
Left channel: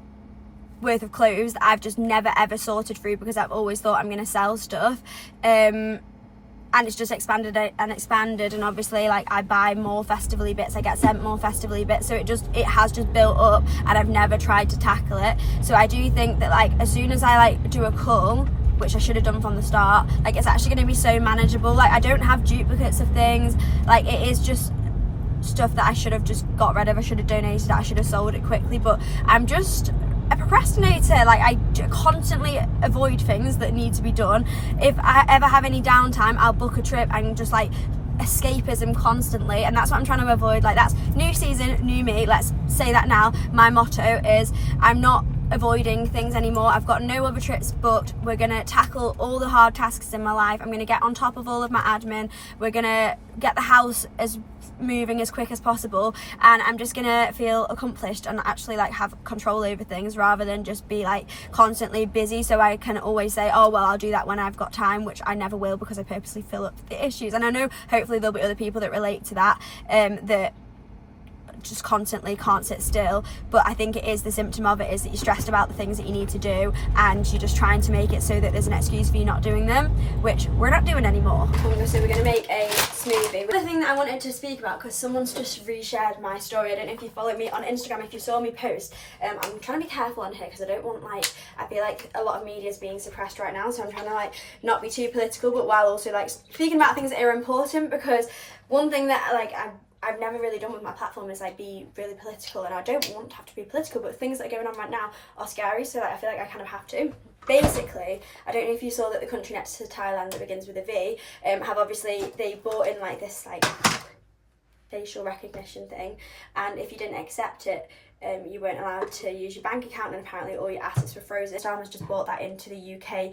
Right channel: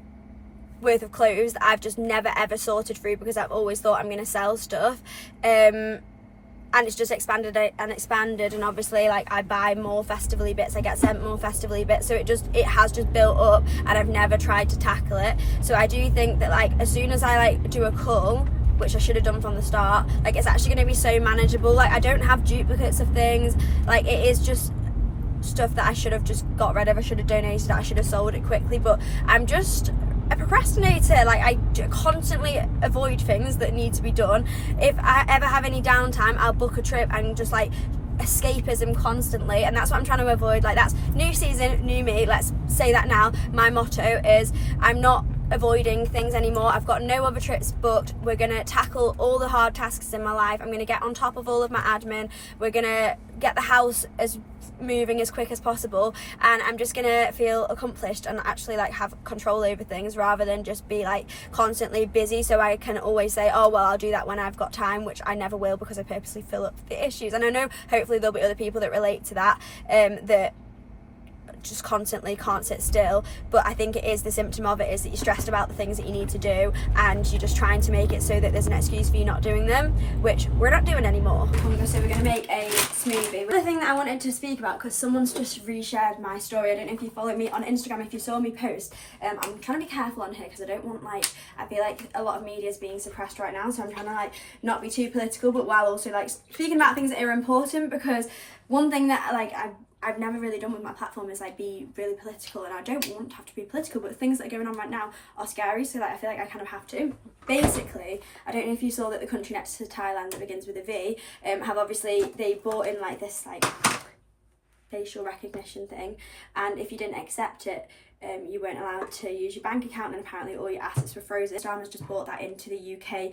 worth of clothes that I've just never ever sorted through, because I've always thought I'm going to sell stuff, and it's just expanded, and obviously like I buy more festively bits, I get sent more festively bits, so it has just built up, and I've never tried to tackle it. So I do think that like as soon as I like do a cull, which I should have done from the start, like it's actually going to be so manageable. Like I don't have duplicates of things, like it is just stuff that I should have just got rid of, I should have donated it, I should have sold it quickly, but I'm just a procrastinator. Like I constantly avoid things that need to be done. If I ever have any downtime, I'll book a trip and just like escapism constantly, and that's what I'm trying to avoid. Like that's new season, new me, let's say that now. My motto is I'm not avoiding things anymore. I've got no other trips booked. We're gonna tackle all the hard tasks in my life. I'm gonna get on top of all of my admin. We're gonna get the house as moving as quick as possible, and I'm just gonna feel accomplished and actually like have control over things, rather than just be like constantly busy, so I can always say, oh well, I'll do that when I've got time, which I never will, because I purposely fill up the issues. And I know hopefully there'll be other people that relate to that, that just constantly can't sit still, but I think it is the symptom of it, is that you're stressed about the things that you need to do, and you're just trying to make it so that there's an excuse for you not doing them, which we're not doing anymore. So we're going to make a smoothie. The thing that I wanted to speak about, because someone's just reshared my story, I don't know if you follow me on Instagram, if you saw me post, I'm trying to be careful on here because I don't want, like, I feel like a lot of media is being suppressed right now, so I'm trying to like not be too political, but while also like speaking about things that are important, because one thing that like I've never really done with my platform is like be really political, and I don't want to have to be political, but things that are going on right now are scary, so like, I feel like I kind of have to. Basically, I don't know if you saw that the country next to Thailand that begins with a V, have obviously, they brought in like this like facial recognition thing, and if you didn't accept it, you weren't allowed to use your bank account, and apparently all your assets were frozen. Sam has just brought that into the UK.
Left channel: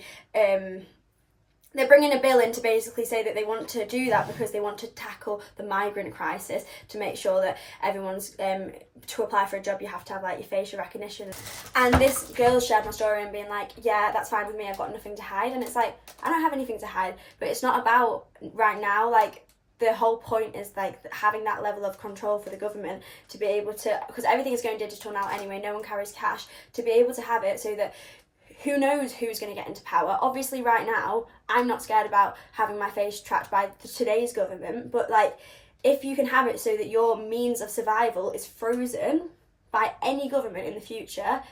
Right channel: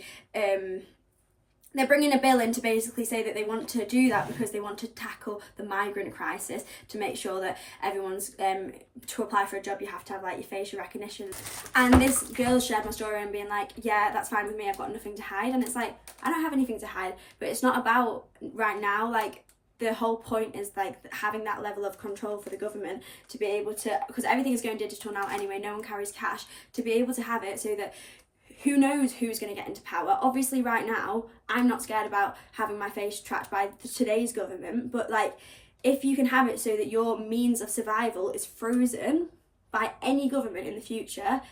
They're bringing a bill in to basically say that they want to do that because they want to tackle the migrant crisis, to make sure that everyone's, to apply for a job you have to have like your facial recognition. And this girl shared my story and being like, yeah, that's fine with me, I've got nothing to hide. And it's like, I don't have anything to hide, but it's not about right now. Like the whole point is like having that level of control for the government to be able to, because everything is going digital now anyway, no one carries cash, to be able to have it so that who knows who's going to get into power. Obviously right now I'm not scared about having my face tracked by today's government, but like if you can have it so that your means of survival is frozen by any government in the future,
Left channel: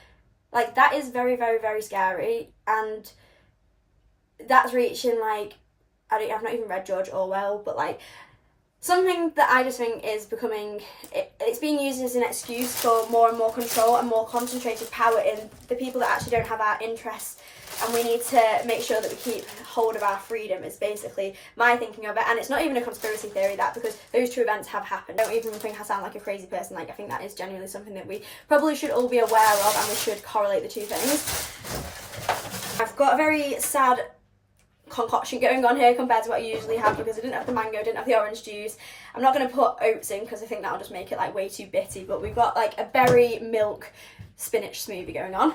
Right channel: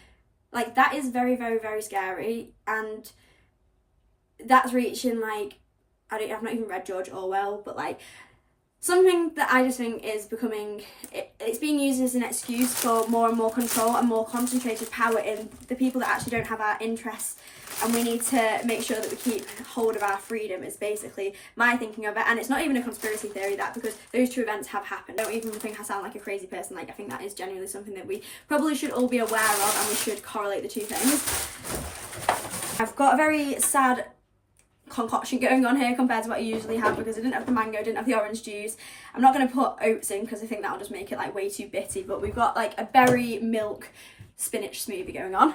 like that is very, very, very scary. And that's reaching like, I've not even read George Orwell, but like something that I just think is becoming, it's being used as an excuse for more and more control and more concentrated power in the people that actually don't have our interests, and we need to make sure that we keep hold of our freedom, is basically my thinking of it. And it's not even a conspiracy theory, that, because those two events have happened. I don't even think I sound like a crazy person. Like I think that is genuinely something that we probably should all be aware of, and we should correlate the two things. I've got a very sad concoction going on here compared to what I usually have, because I didn't have the mango, didn't have the orange juice. I'm not going to put oats in because I think that'll just make it like way too bitty, but we've got like a berry milk spinach smoothie going on.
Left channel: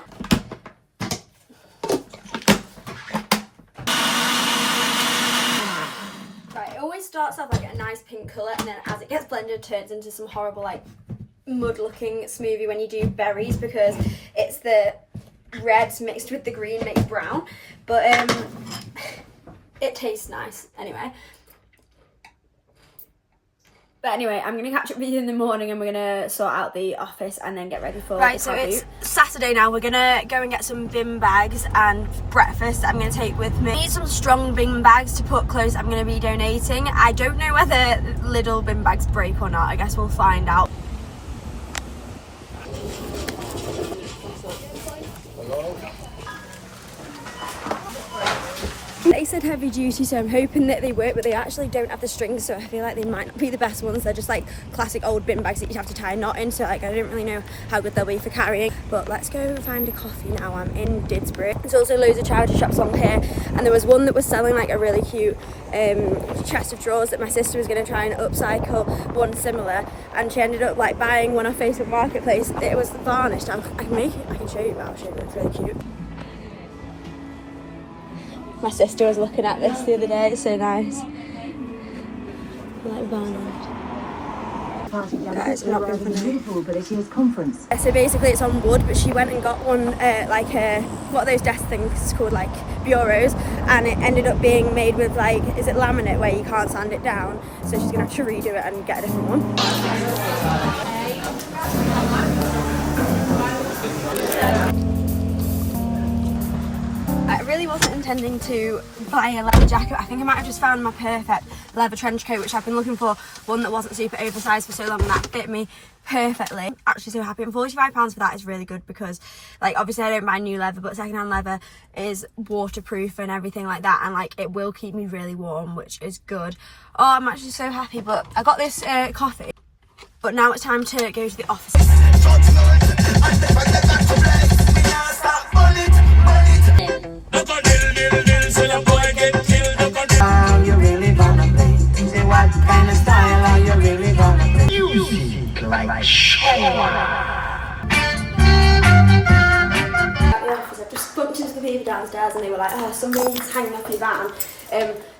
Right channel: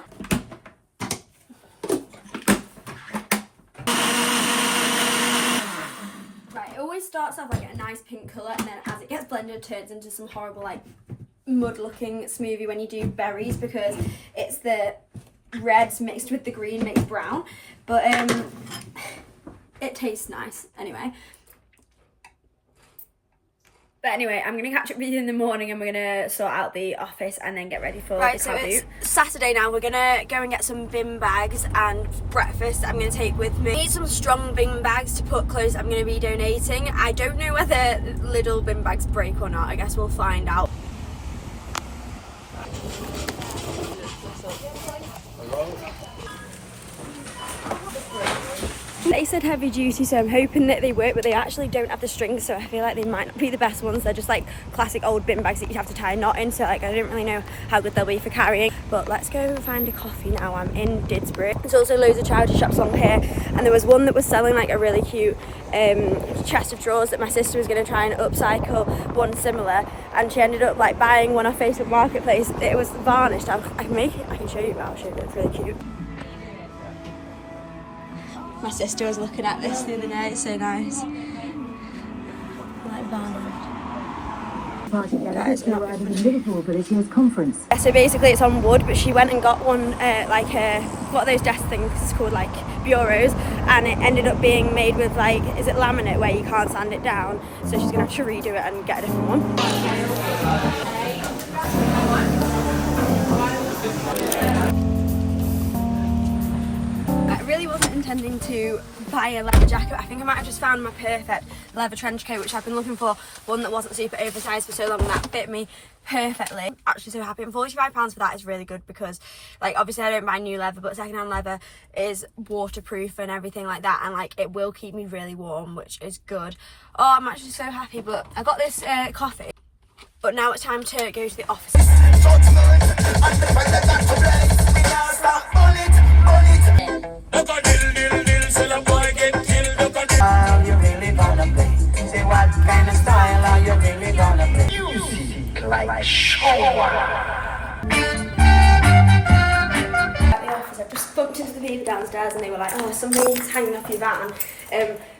Right, it always starts off like a nice pink colour, and then as it gets blended turns into some horrible like mud looking smoothie when you do berries, because it's the reds mixed with the green makes brown, but it tastes nice anyway. But anyway, I'm gonna catch up with you in the morning, and we're gonna sort out the office and then get ready for the car boot. It's Saturday now. We're gonna go and get some bin bags and breakfast I'm gonna take with me. I need some strong bin bags to put clothes I'm gonna be donating. I don't know whether little bin bags break or not. I guess we'll find out. nice and heavy duty, so I'm hoping that they work, but they actually don't have the strings, so I feel like they might not be the best ones. They're just like classic old bin bags that you'd have to tie a knot in, so like I don't really know how good they'll be for carrying. But let's go find a coffee now. I'm in Didsbury. There's also loads of charity shops along here, and there was one that was selling like a really cute chest of drawers that my sister was going to try and upcycle, one similar, and she ended up like buying one off Facebook Marketplace. It was varnished. I can make it, I can show you, but I'll show you, it's really cute. My sister was looking at this the other day, it's so nice. Like varnished. Guys, I'm not being funny. So basically it's on wood, but she went and got one like what are those desk things called, like bureaus, and it ended up being made with like, is it laminate where you can't sand it down, so she's gonna have to redo it and get a different one. Intending to buy a leather jacket. I think I might have just found my perfect leather trench coat, which I've been looking for, one that wasn't super oversized for so long, and that fit me perfectly. I'm actually so happy, and £45 for that is really good, because like obviously I don't buy new leather, but secondhand leather is waterproof and everything like that, and like it will keep me really warm, which is good. Oh, I'm actually so happy. But I got this coffee, but now it's time to go to the office. I just bumped into the people downstairs and they were like, oh, something's hanging off your van,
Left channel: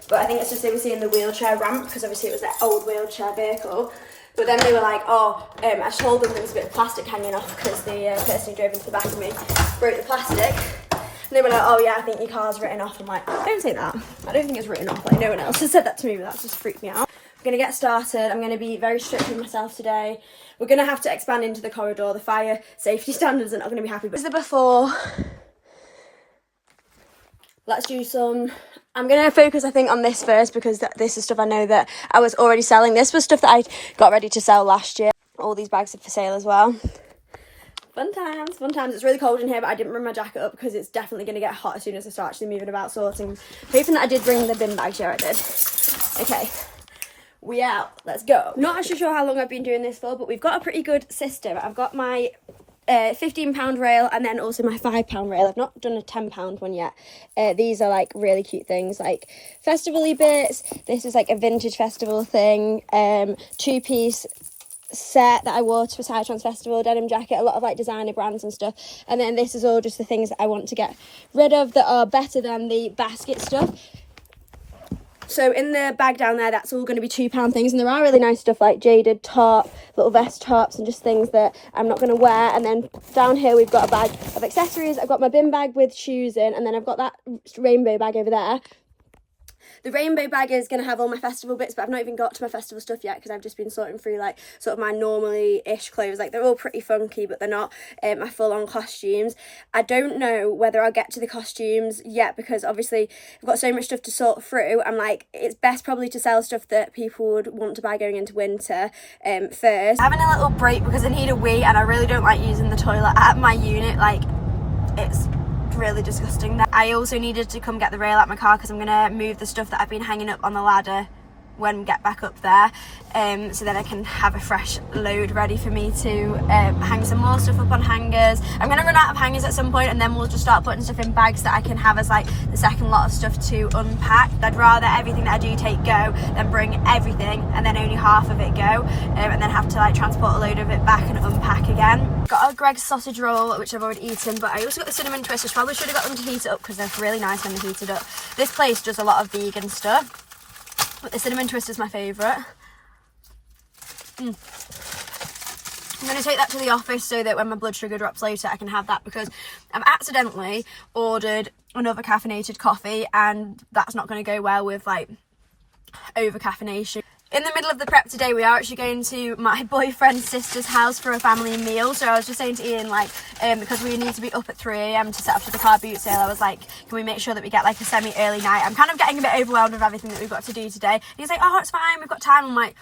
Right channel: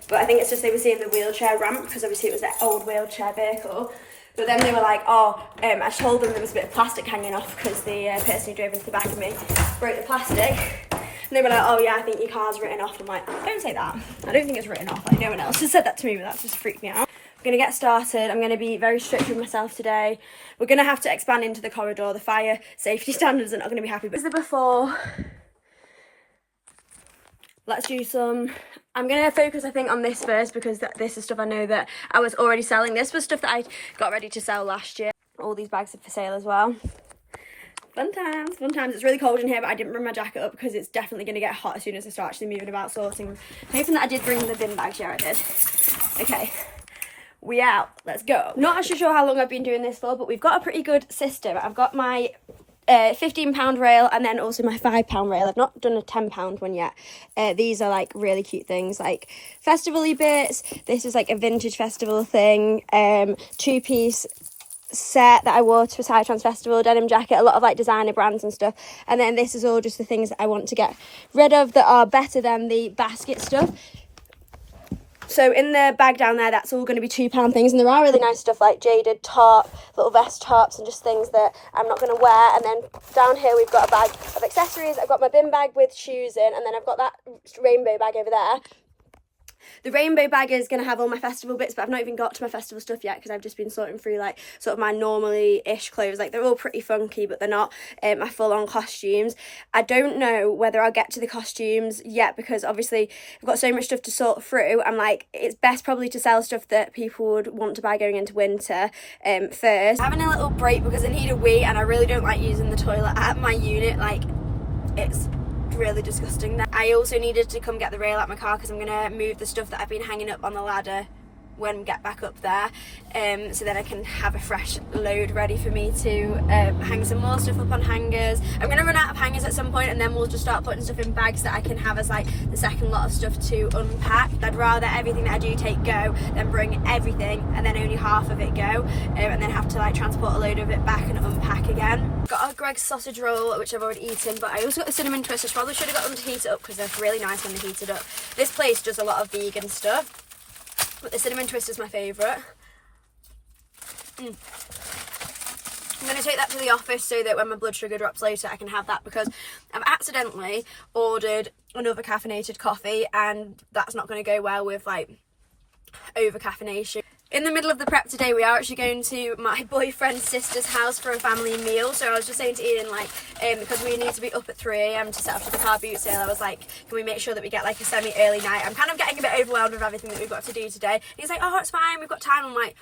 but I think it's just they were seeing the wheelchair ramp, because obviously it was that old wheelchair vehicle. But then they were like, oh, I told them there was a bit of plastic hanging off, because the person who drove into the back of me broke the plastic. And they were like, oh yeah, I think your car's written off. I'm like, don't say that. I don't think it's written off. Like, no one else has said that to me, but that just freaked me out. I'm going to get started. I'm going to be very strict with myself today. We're going to have to expand into the corridor. The fire safety standards are not going to be happy. But this is the before. Let's do some. I'm going to focus, I think, on this first, because this is stuff I know that I was already selling. This was stuff that I got ready to sell last year. All these bags are for sale as well. Fun times, fun times. It's really cold in here, but I didn't bring my jacket up because it's definitely going to get hot as soon as I start actually moving about sorting. Hoping that I did bring the bin bags. Yeah, I did. Okay, we out. Let's go. Not actually sure how long I've been doing this for, but we've got a pretty good system. I've got my £15 rail, and then also my £5 rail. I've not done a £10 one yet. These are like really cute things, like festival-y bits. This is like a vintage festival thing, two-piece set that I wore to a Psytrance festival, denim jacket, a lot of like designer brands and stuff. And then this is all just the things that I want to get rid of that are better than the basket stuff. So in the bag down there, that's all going to be £2 things, and there are really nice stuff like jaded top, little vest tops, and just things that I'm not going to wear. And then down here we've got a bag of accessories. I've got my bin bag with shoes in, and then I've got that rainbow bag over there. The rainbow bag is going to have all my festival bits, but I've not even got to my festival stuff yet, because I've just been sorting through like sort of my normally-ish clothes. Like they're all pretty funky, but they're not my full-on costumes. I don't know whether I'll get to the costumes yet, because obviously I've got so much stuff to sort through. I'm like, it's best probably to sell stuff that people would want to buy going into winter first. I'm having a little break because I need a wee, and I really don't like using the toilet at my unit. Like, it's really disgusting. I also needed to come get the rail out my car, because I'm gonna move the stuff that I've been hanging up on the ladder when we get back up there, so then I can have a fresh load ready for me to hang some more stuff up on hangers. I'm gonna run out of hangers at some point, and then we'll just start putting stuff in bags that I can have as like the second lot of stuff to unpack. I'd rather everything that I do take go than bring everything and then only half of it go, and then have to like transport a load of it back and unpack again. Got a Greg's sausage roll, which I've already eaten, but I also got the cinnamon twisters. Probably should have got them to heat it up, because they're really nice when they're heated up. This place does a lot of vegan stuff, but the cinnamon twist is my favourite. I'm going to take that to the office so that when my blood sugar drops later I can have that, because I've accidentally ordered another caffeinated coffee, and that's not going to go well with like over caffeination. In the middle of the prep today, we are actually going to my boyfriend's sister's house for a family meal. So I was just saying to Ian, like, because we need to be up at 3 AM to set up for the car boot sale, I was like, can we make sure that we get like a semi-early night? I'm kind of getting a bit overwhelmed with everything that we've got to do today. And he's like, oh, it's fine, we've got time. I'm like,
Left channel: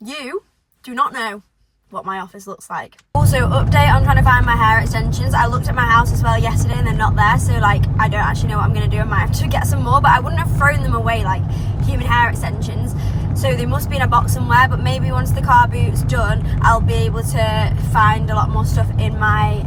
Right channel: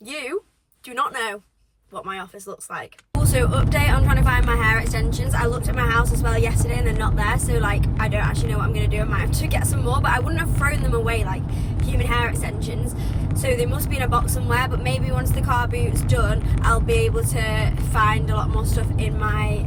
you do not know what my office looks like. Also, update on trying to find my hair extensions. I looked at my house as well yesterday and they're not there, so like I don't actually know what I'm going to do. I might have to get some more, but I wouldn't have thrown them away like human hair extensions, so they must be in a box somewhere. But maybe once the car boot's done, I'll be able to find a lot more stuff in my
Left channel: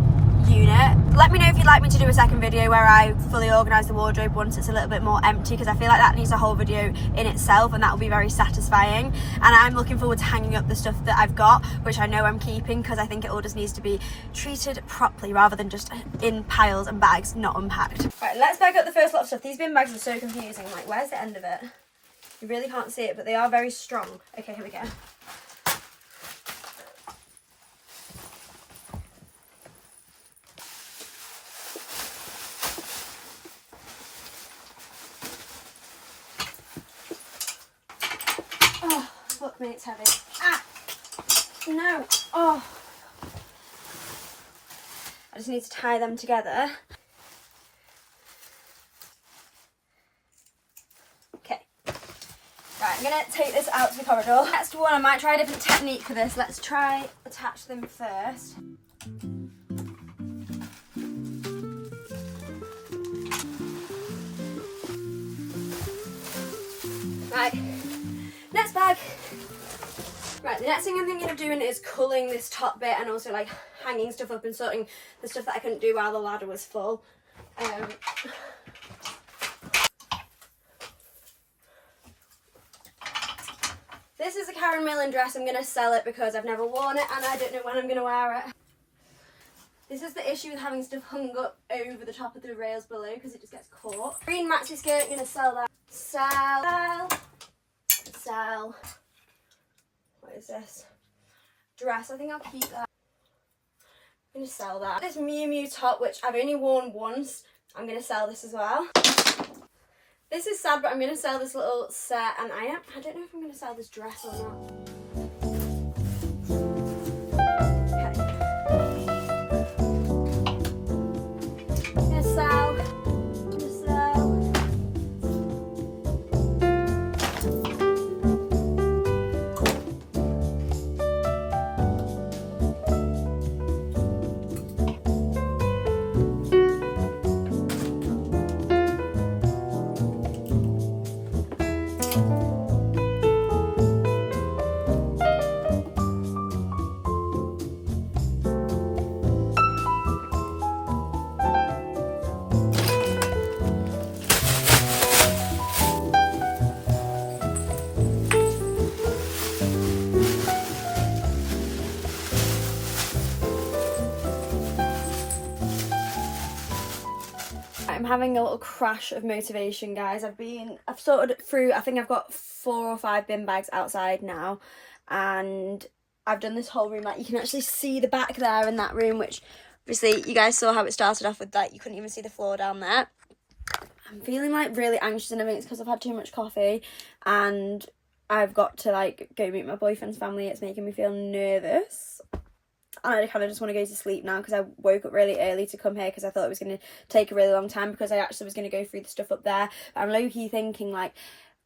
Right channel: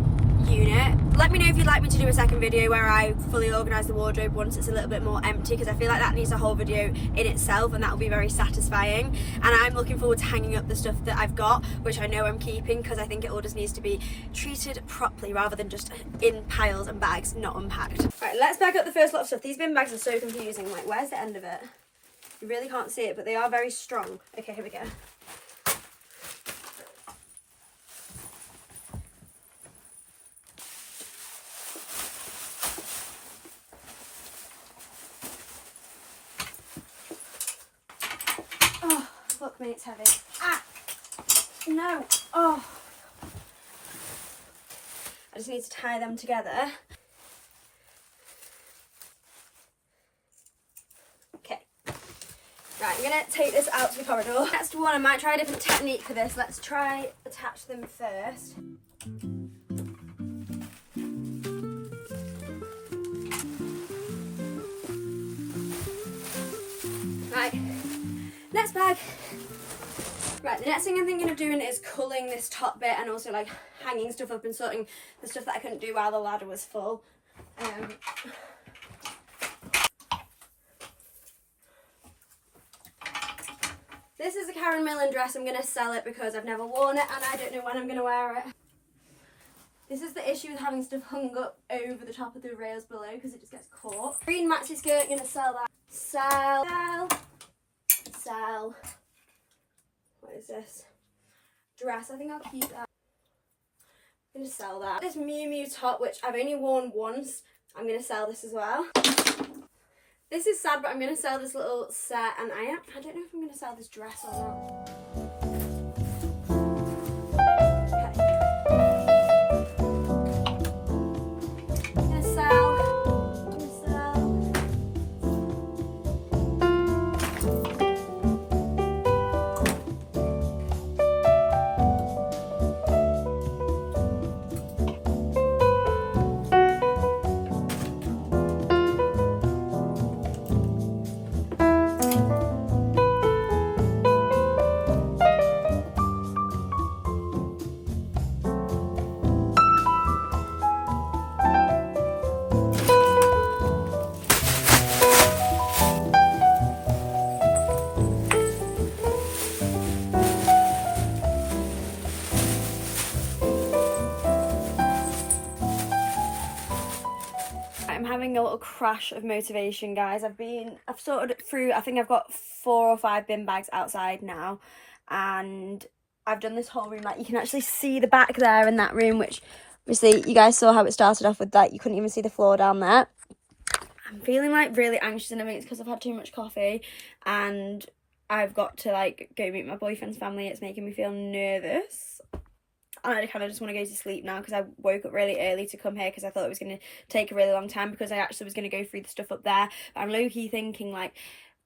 unit. Let me know if you'd like me to do a second video where I fully organise the wardrobe once it's a little bit more empty, because I feel like that needs a whole video in itself, and that will be very satisfying. And I'm looking forward to hanging up the stuff that I've got, which I know I'm keeping, because I think it all just needs to be treated properly rather than just in piles and bags not unpacked. Right, let's bag up the first lot of stuff. These bin bags are so confusing, like where's the end of it? You really can't see it, but they are very strong. Okay, here we go. Fuck me, it's heavy. Ah! No! Oh! I just need to tie them together. Okay. Right, I'm gonna take this out to the corridor. Next one, I might try a different technique for this. Let's try attach them first. Right. Next bag. Right, the next thing I'm thinking of doing is culling this top bit and also like hanging stuff up and sorting the stuff that I couldn't do while the ladder was full. This is a Karen Millen dress. I'm going to sell it because I've never worn it and I don't know when I'm going to wear it. This is the issue with having stuff hung up over the top of the rails below, because it just gets caught. Green maxi skirt, going to sell that. Sell. What is this? Dress. I think I'll keep that. I'm going to sell that. This Miu Miu top, which I've only worn once, I'm going to sell this as well. This is sad, but I'm going to sell this little set, and I don't know if I'm going to sell this dress or not. I'm having a little crash of motivation, guys. I've sorted through, I think I've got 4 or 5 bin bags outside now, and I've done this whole room. Like, you can actually see the back there in that room, which obviously you guys saw how it started off with that. You couldn't even see the floor down there. I'm feeling like really anxious, and I think it's because I've had too much coffee and I've got to like go meet my boyfriend's family. It's making me feel nervous. And I kind of just want to go to sleep now, because I woke up really early to come here because I thought it was going to take a really long time, because I actually was going to go through the stuff up there. But I'm low-key thinking, like,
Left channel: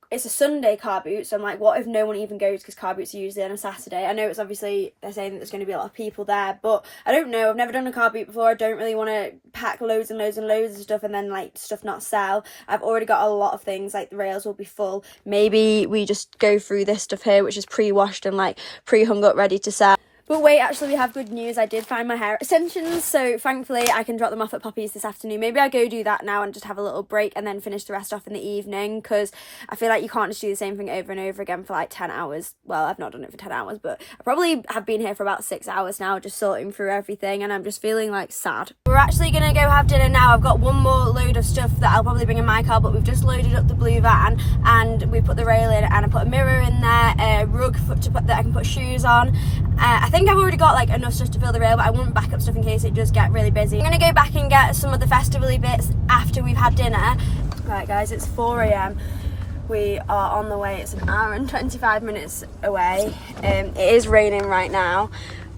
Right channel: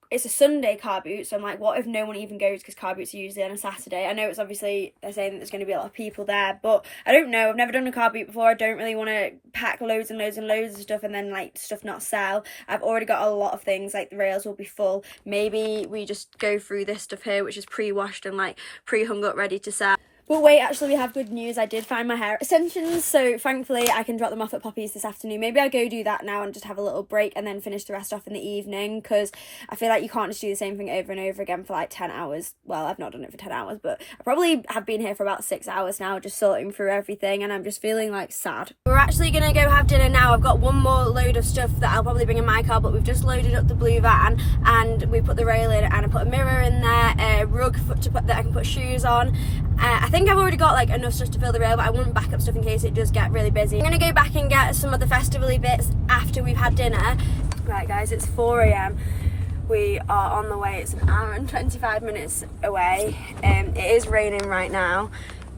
it's a Sunday car boot, so I'm like, what if no one even goes, because car boots are usually on a Saturday. I know it's obviously, they're saying that there's going to be a lot of people there, but I don't know. I've never done a car boot before. I don't really want to pack loads and loads and loads of stuff and then like stuff not sell. I've already got a lot of things, like the rails will be full. Maybe we just go through this stuff here, which is pre-washed and like pre-hung up, ready to sell. But wait, actually we have good news. I did find my hair extensions, so thankfully I can drop them off at Poppy's this afternoon. Maybe I'll go do that now and just have a little break and then finish the rest off in the evening, because I feel like you can't just do the same thing over and over again for like 10 hours. Well, I've not done it for 10 hours, but I probably have been here for about 6 hours now, just sorting through everything, and I'm just feeling like sad. We're actually going to go have dinner now. I've got one more load of stuff that I'll probably bring in my car, but we've just loaded up the blue van and we put the rail in, and I put a mirror in there, a rug that I can put shoes on. I think I've already got like enough stuff to fill the rail, but I want backup stuff in case it does get really busy. I'm gonna go back and get some of the festival-y bits after we've had dinner. Right guys, it's 4 AM. We are on the way. It's an hour and 25 minutes away. It is raining right now,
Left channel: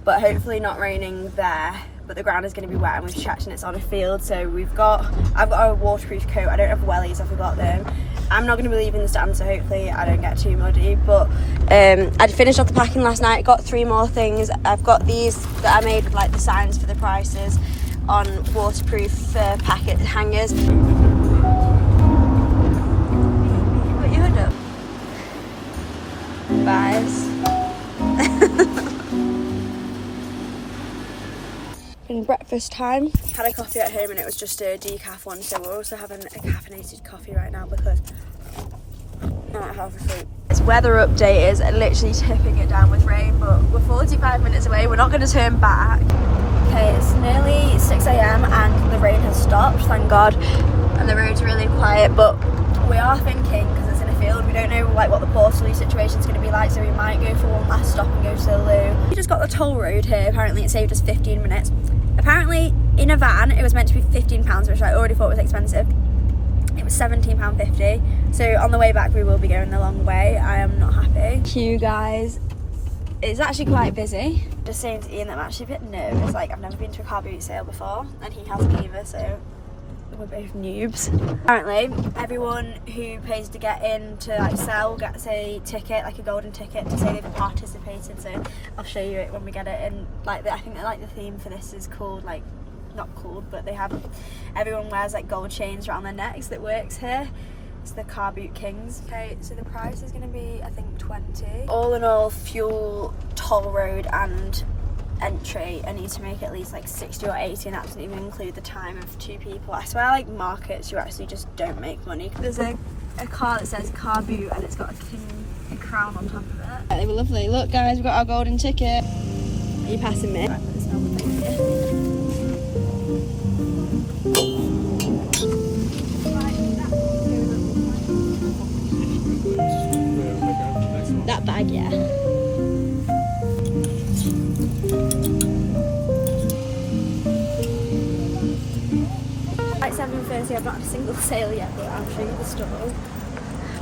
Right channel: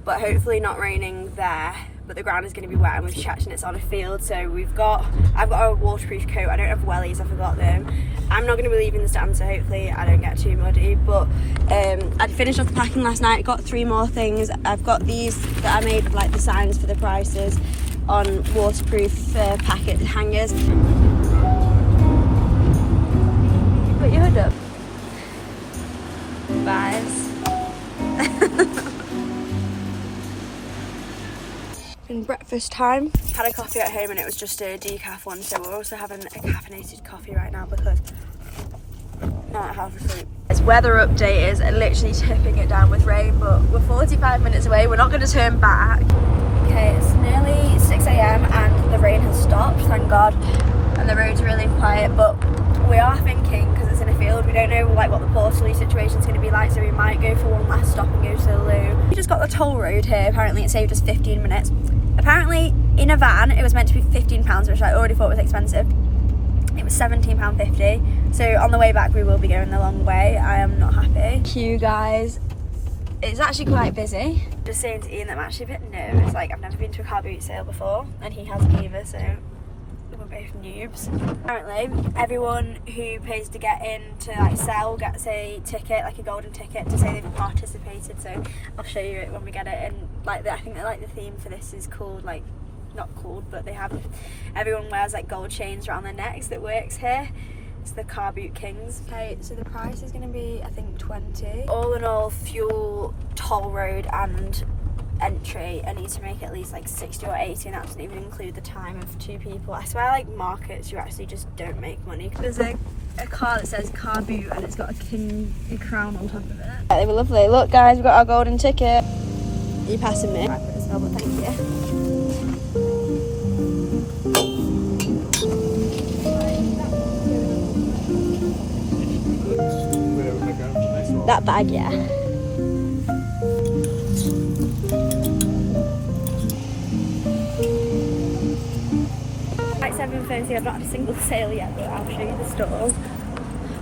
but hopefully not raining there, but the ground is going to be wet and we've checked and it's on a field. So I've got a waterproof coat. I don't have wellies, I forgot them. I'm not going to be leaving the stand, so hopefully I don't get too muddy. But I'd finished off the packing last night, got 3 more things. I've got these that I made with like the signs for the prices on waterproof packet hangers. Put your hood up. Buys. Been breakfast time. Had a coffee at home and it was just a decaf one, so we're also having a caffeinated coffee right now because I'm not half asleep. It's weather update is literally tipping it down with rain, but we're 45 minutes away. We're not going to turn back. Okay, it's nearly 6 a.m. and the rain has stopped, thank God, and the road's really quiet, but we are thinking, because it's in a field, we don't know like what the portal situation is going to be like, so we might go for one last stop and go to the loo. We just got the toll road here. Apparently it saved us 15 minutes. Apparently in a van it was meant to be £15, which I already thought was expensive. It was £17.50, so on the way back we will be going the long way. I am not happy. Queue, guys. It's actually quite busy. Just saying to Ian that I'm actually a bit nervous. Like, I've never been to a car boot sale before and he hasn't either, so we're both noobs. Apparently everyone who pays to get in to like sell gets a ticket, like a golden ticket, to say they've participated. So I'll show you it when we get it. And like I think that like the theme for this is called, like, not called, but they have, everyone wears like gold chains around their necks that works here. It's the Car Boot Kings. Okay, so the price is going to be, I think, 20. All in all, fuel, toll road and entry, I need to make at least like 60 or 80, and that doesn't even include the time of 2 people. I swear, like markets, you actually just don't make money. There's a car that says Car Boot and it's got a crown on top of it. They were lovely. Look guys, we've got our golden ticket. Are you passing me? Right, put this down, but thank you. That bag, yeah. Like 7:30, I've not had a single sale yet, but I'll show you the stall.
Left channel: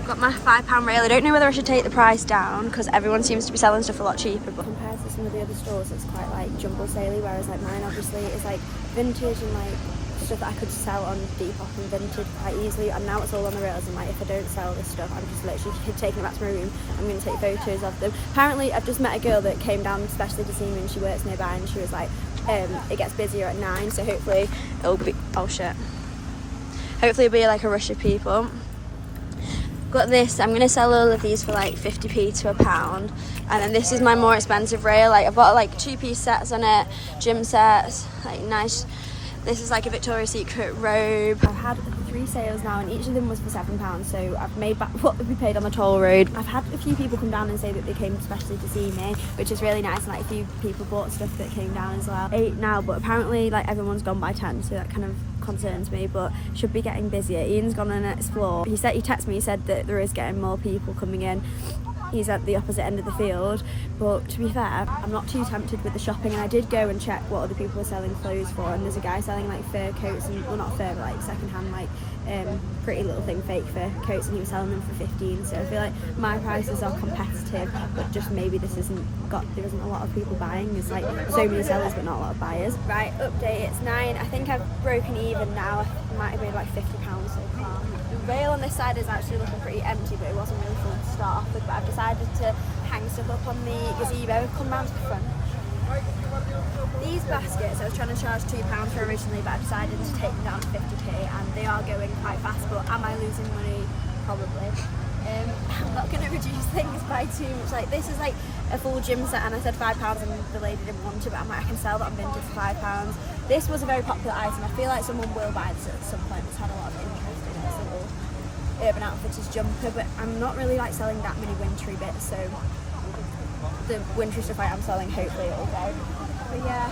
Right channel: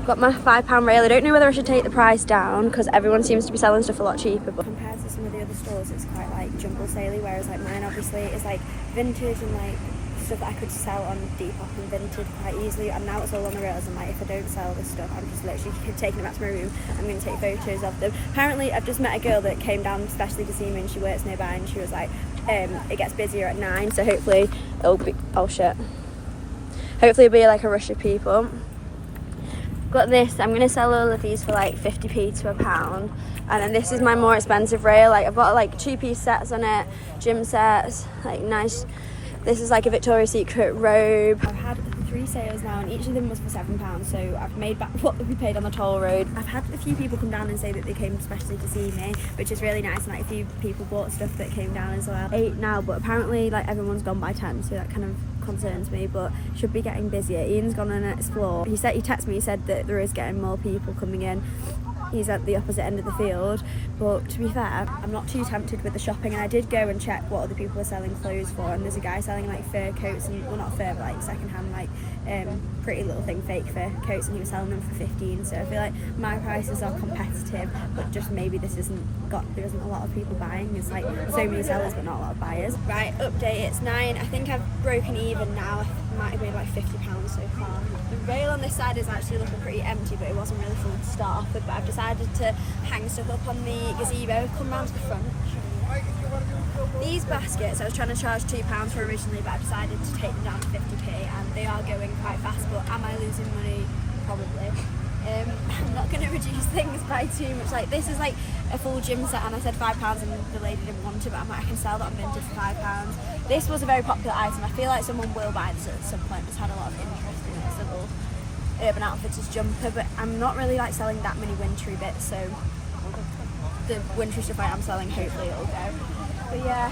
Got my £5 rail. I don't know whether I should take the price down because everyone seems to be selling stuff a lot cheaper, but compared to some of the other stores it's quite like jumbo saley, whereas like mine obviously is like vintage and like stuff that I could sell on Depop and Vintage quite easily, and now it's all on the rails, and like if I don't sell this stuff I'm just literally taking it back to my room. I'm going to take photos of them. Apparently I've just met a girl that came down especially to see me and she works nearby, and she was like it gets busier at 9, so hopefully it'll be, oh shit, hopefully it'll be like a rush of people. Got this, I'm going to sell all of these for like 50p to £1, and then this is my more expensive rail. Like I've got like 2-piece sets on it, gym sets, like nice. This is like a Victoria's Secret robe. I've had 3 sales now and each of them was for £7, so I've made back what we paid on the toll road. I've had a few people come down and say that they came especially to see me, which is really nice, and like a few people bought stuff that came down as well. 8 now, but apparently like everyone's gone by 10, so that kind of concerns me, but should be getting busier. Ian's gone on an explore. He texted me, he said that there is getting more people coming in. He's at the opposite end of the field, but to be fair, I'm not too tempted with the shopping, and I did go and check what other people were selling clothes for, and there's a guy selling like fur coats, and well, not fur, but like second hand, like Pretty Little Thing fake fur coats, and he was selling them for 15, so I feel like my prices are competitive, but just maybe there isn't a lot of people buying. There's like so many sellers but not a lot of buyers. Right, update, it's 9. I think I've broken even now. I might have made like £50 so far. The rail on this side is actually looking pretty empty, but it wasn't really full to start off with, but I've decided to hang stuff up on the gazebo. I've come round to the front. These baskets I was trying to charge £2 for originally, but I've decided to take them down to 50p, and they are going quite fast, but am I losing money? Probably. I'm not going to reduce things by too much. Like this is like a full gym set, and I said £5 and the lady didn't want it, but I can sell that on Vintage for £5. This was a very popular item. I feel like someone will buy this at some point. It's had a lot of interest in it. It's a little Urban Outfitters jumper, but I'm not really like selling that many wintry bits, so the wintry stuff I am selling, hopefully it'll go. But yeah,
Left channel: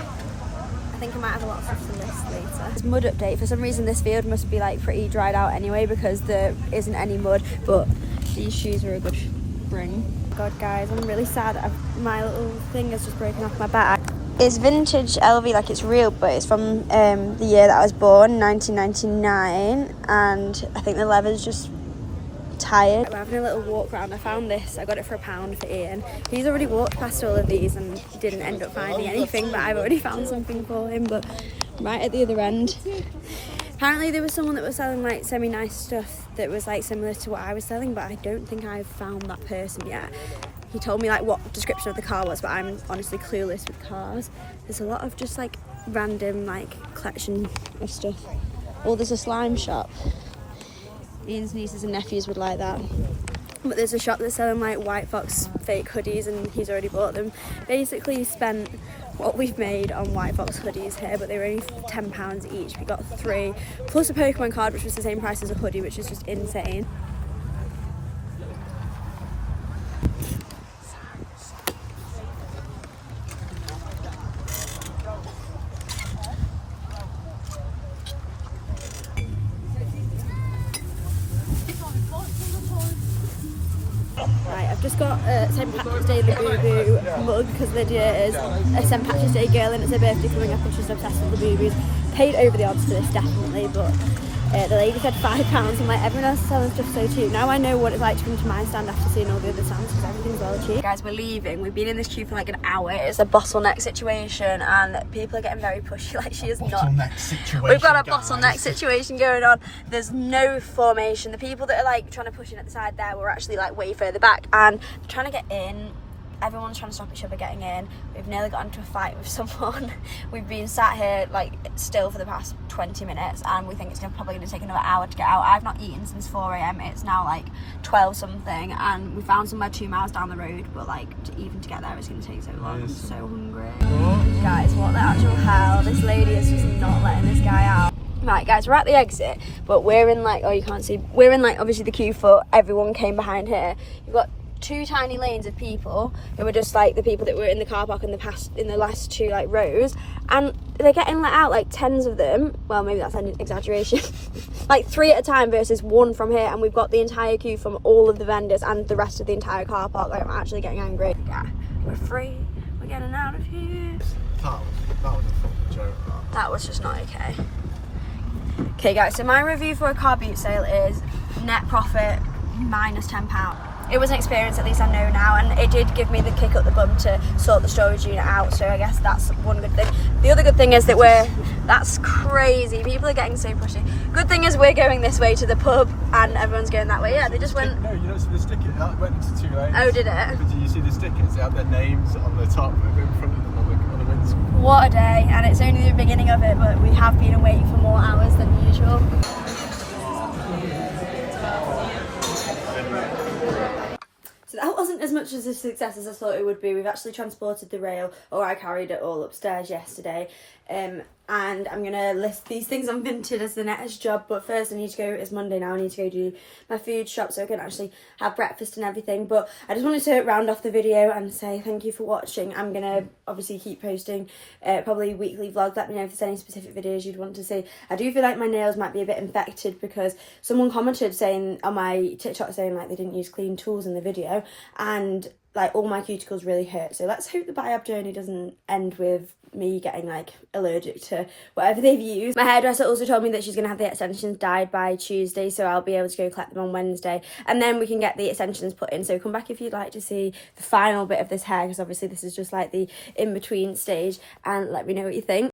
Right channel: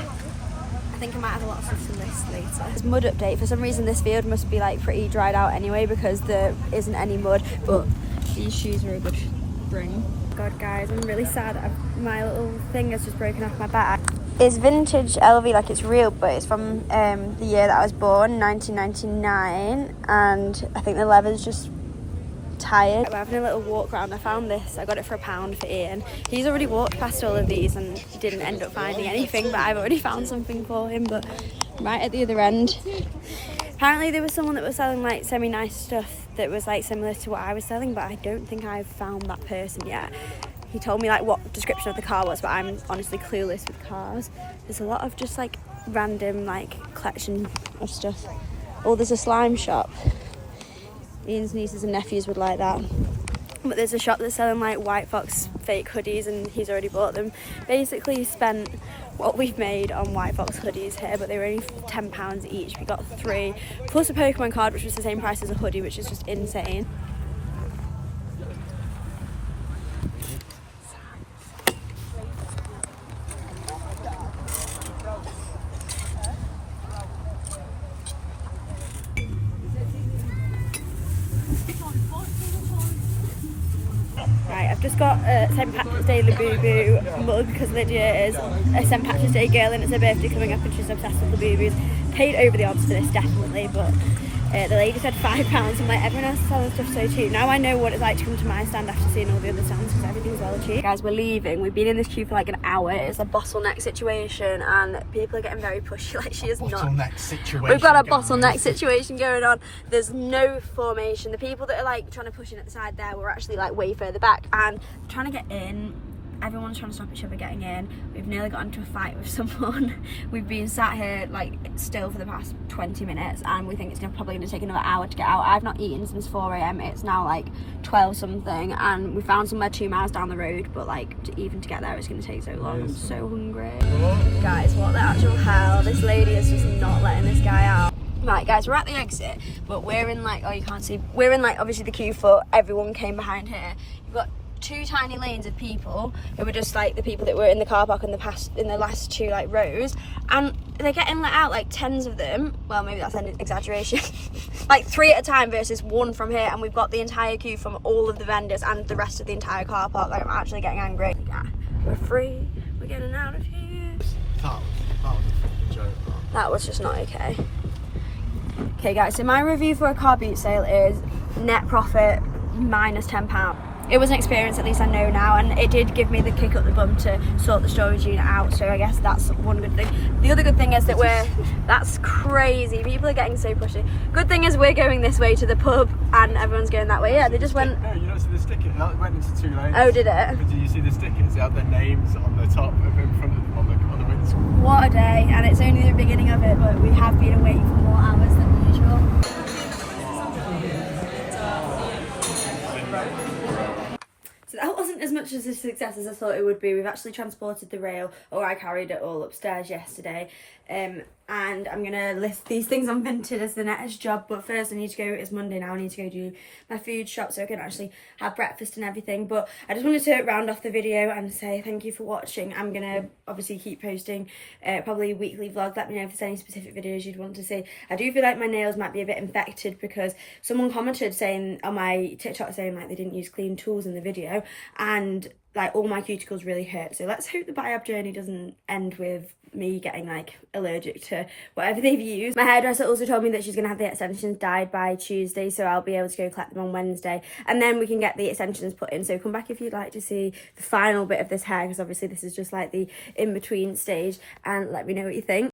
I think I might have a lot of stuff to list later. It's mud update. For some reason this field must be like pretty dried out anyway because there isn't any mud, but these shoes are a good spring. God guys, I'm really sad. My little thing has just broken off my back. It's vintage LV, like it's real, but it's from the year that I was born, 1999, and I think the leather's just tired. We're having a little walk around. I found this, I got it for £1 for Ian. He's already walked past all of these and didn't end up finding anything, but I've already found something for him. But right at the other end, apparently there was someone that was selling like semi-nice stuff that was like similar to what I was selling, but I don't think I've found that person yet. He told me like what description of the car was, but I'm honestly clueless with cars. There's a lot of just like random like collection of stuff. Oh, there's a slime shop. Ian's nieces and nephews would like that. But there's a shop that's selling like White Fox fake hoodies and he's already bought them. Basically spent what we've made on White Fox hoodies here, but they were only £10 each. We got 3 plus a Pokemon card, which was the same price as a hoodie, which is just insane. Right, I've just got a St Patrick's Day Labubu mug because Lydia is a St Patrick's Day girl and it's her birthday coming up and she's obsessed with Labubus. Paid over the odds for this, definitely, but the lady said £5. I'm like, everyone else is selling stuff so cheap. Now I know what it's like to come to my stand after seeing all the other stands because everything's all cheap. Guys, we're leaving. We've been in this queue for like an hour. It's a bottleneck situation and people are getting very pushy. Like, she is not. We've got a bottleneck situation going on. There's no formation. The people that are like trying to push in at the side there were actually like way further back and they're trying to get in. Everyone's trying to stop each other getting in. We've nearly got into a fight with someone. We've been sat here like still for the past 20 minutes and we think it's probably going to take another hour to get out. I've not eaten since 4 AM. It's now like 12 something and we found somewhere 2 miles down the road, but like even to get there it's going to take so long. I'm so hungry. Guys, what the actual hell? This lady is just not letting this guy out. Right guys, we're at the exit, but we're in like, oh you can't see, we're in like obviously the queue for everyone came behind here. You've got 2 tiny lanes of people who were just like the people that were in the car park in the last 2 like rows, and they're getting let out like tens of them. Well, maybe that's an exaggeration. Like 3 at a time versus 1 from here, and we've got the entire queue from all of the vendors and the rest of the entire car park. Like, I'm actually getting angry. Yeah, we're free. We're getting out of here. That was a joke. That was just not okay. Okay guys, so my review for a car boot sale is net profit minus £10. It was an experience, at least I know now, and it did give me the kick up the bum to sort the storage unit out, so I guess that's one good thing. The other good thing is that that's crazy, people are getting so pushy. Good thing is we're going this way to the pub and everyone's going that way. Yeah, they just went... No, you don't see the sticker, it went into 2 lanes. Oh, did it? But do you see the stickers? They have their names on the top and in front of them on the windscreen. What a day, and it's only the beginning of it, but we have been awake for more hours than usual. So that wasn't as much as a success as I thought it would be. We've actually transported the rail, or I carried it all upstairs yesterday. And I'm gonna list these things on Vinted as the next job, but first I need to go, it's Monday now, I need to go do my food shop so I can actually have breakfast and everything. But I just wanted to round off the video and say thank you for watching. I'm gonna obviously keep posting probably weekly vlogs. Let me know if there's any specific videos you'd want to see. I do feel like my nails might be a bit infected because someone commented saying on my TikTok saying like they didn't use clean tools in the video, and like all my cuticles really hurt. So let's hope the biop journey doesn't end with me getting like allergic to whatever they've used. My hairdresser also told me that she's gonna have the extensions dyed by Tuesday, so I'll be able to go collect them on Wednesday and then we can get the extensions put in. So come back if you'd like to see the final bit of this hair, because obviously this is just like the in-between stage, and let me know what you think.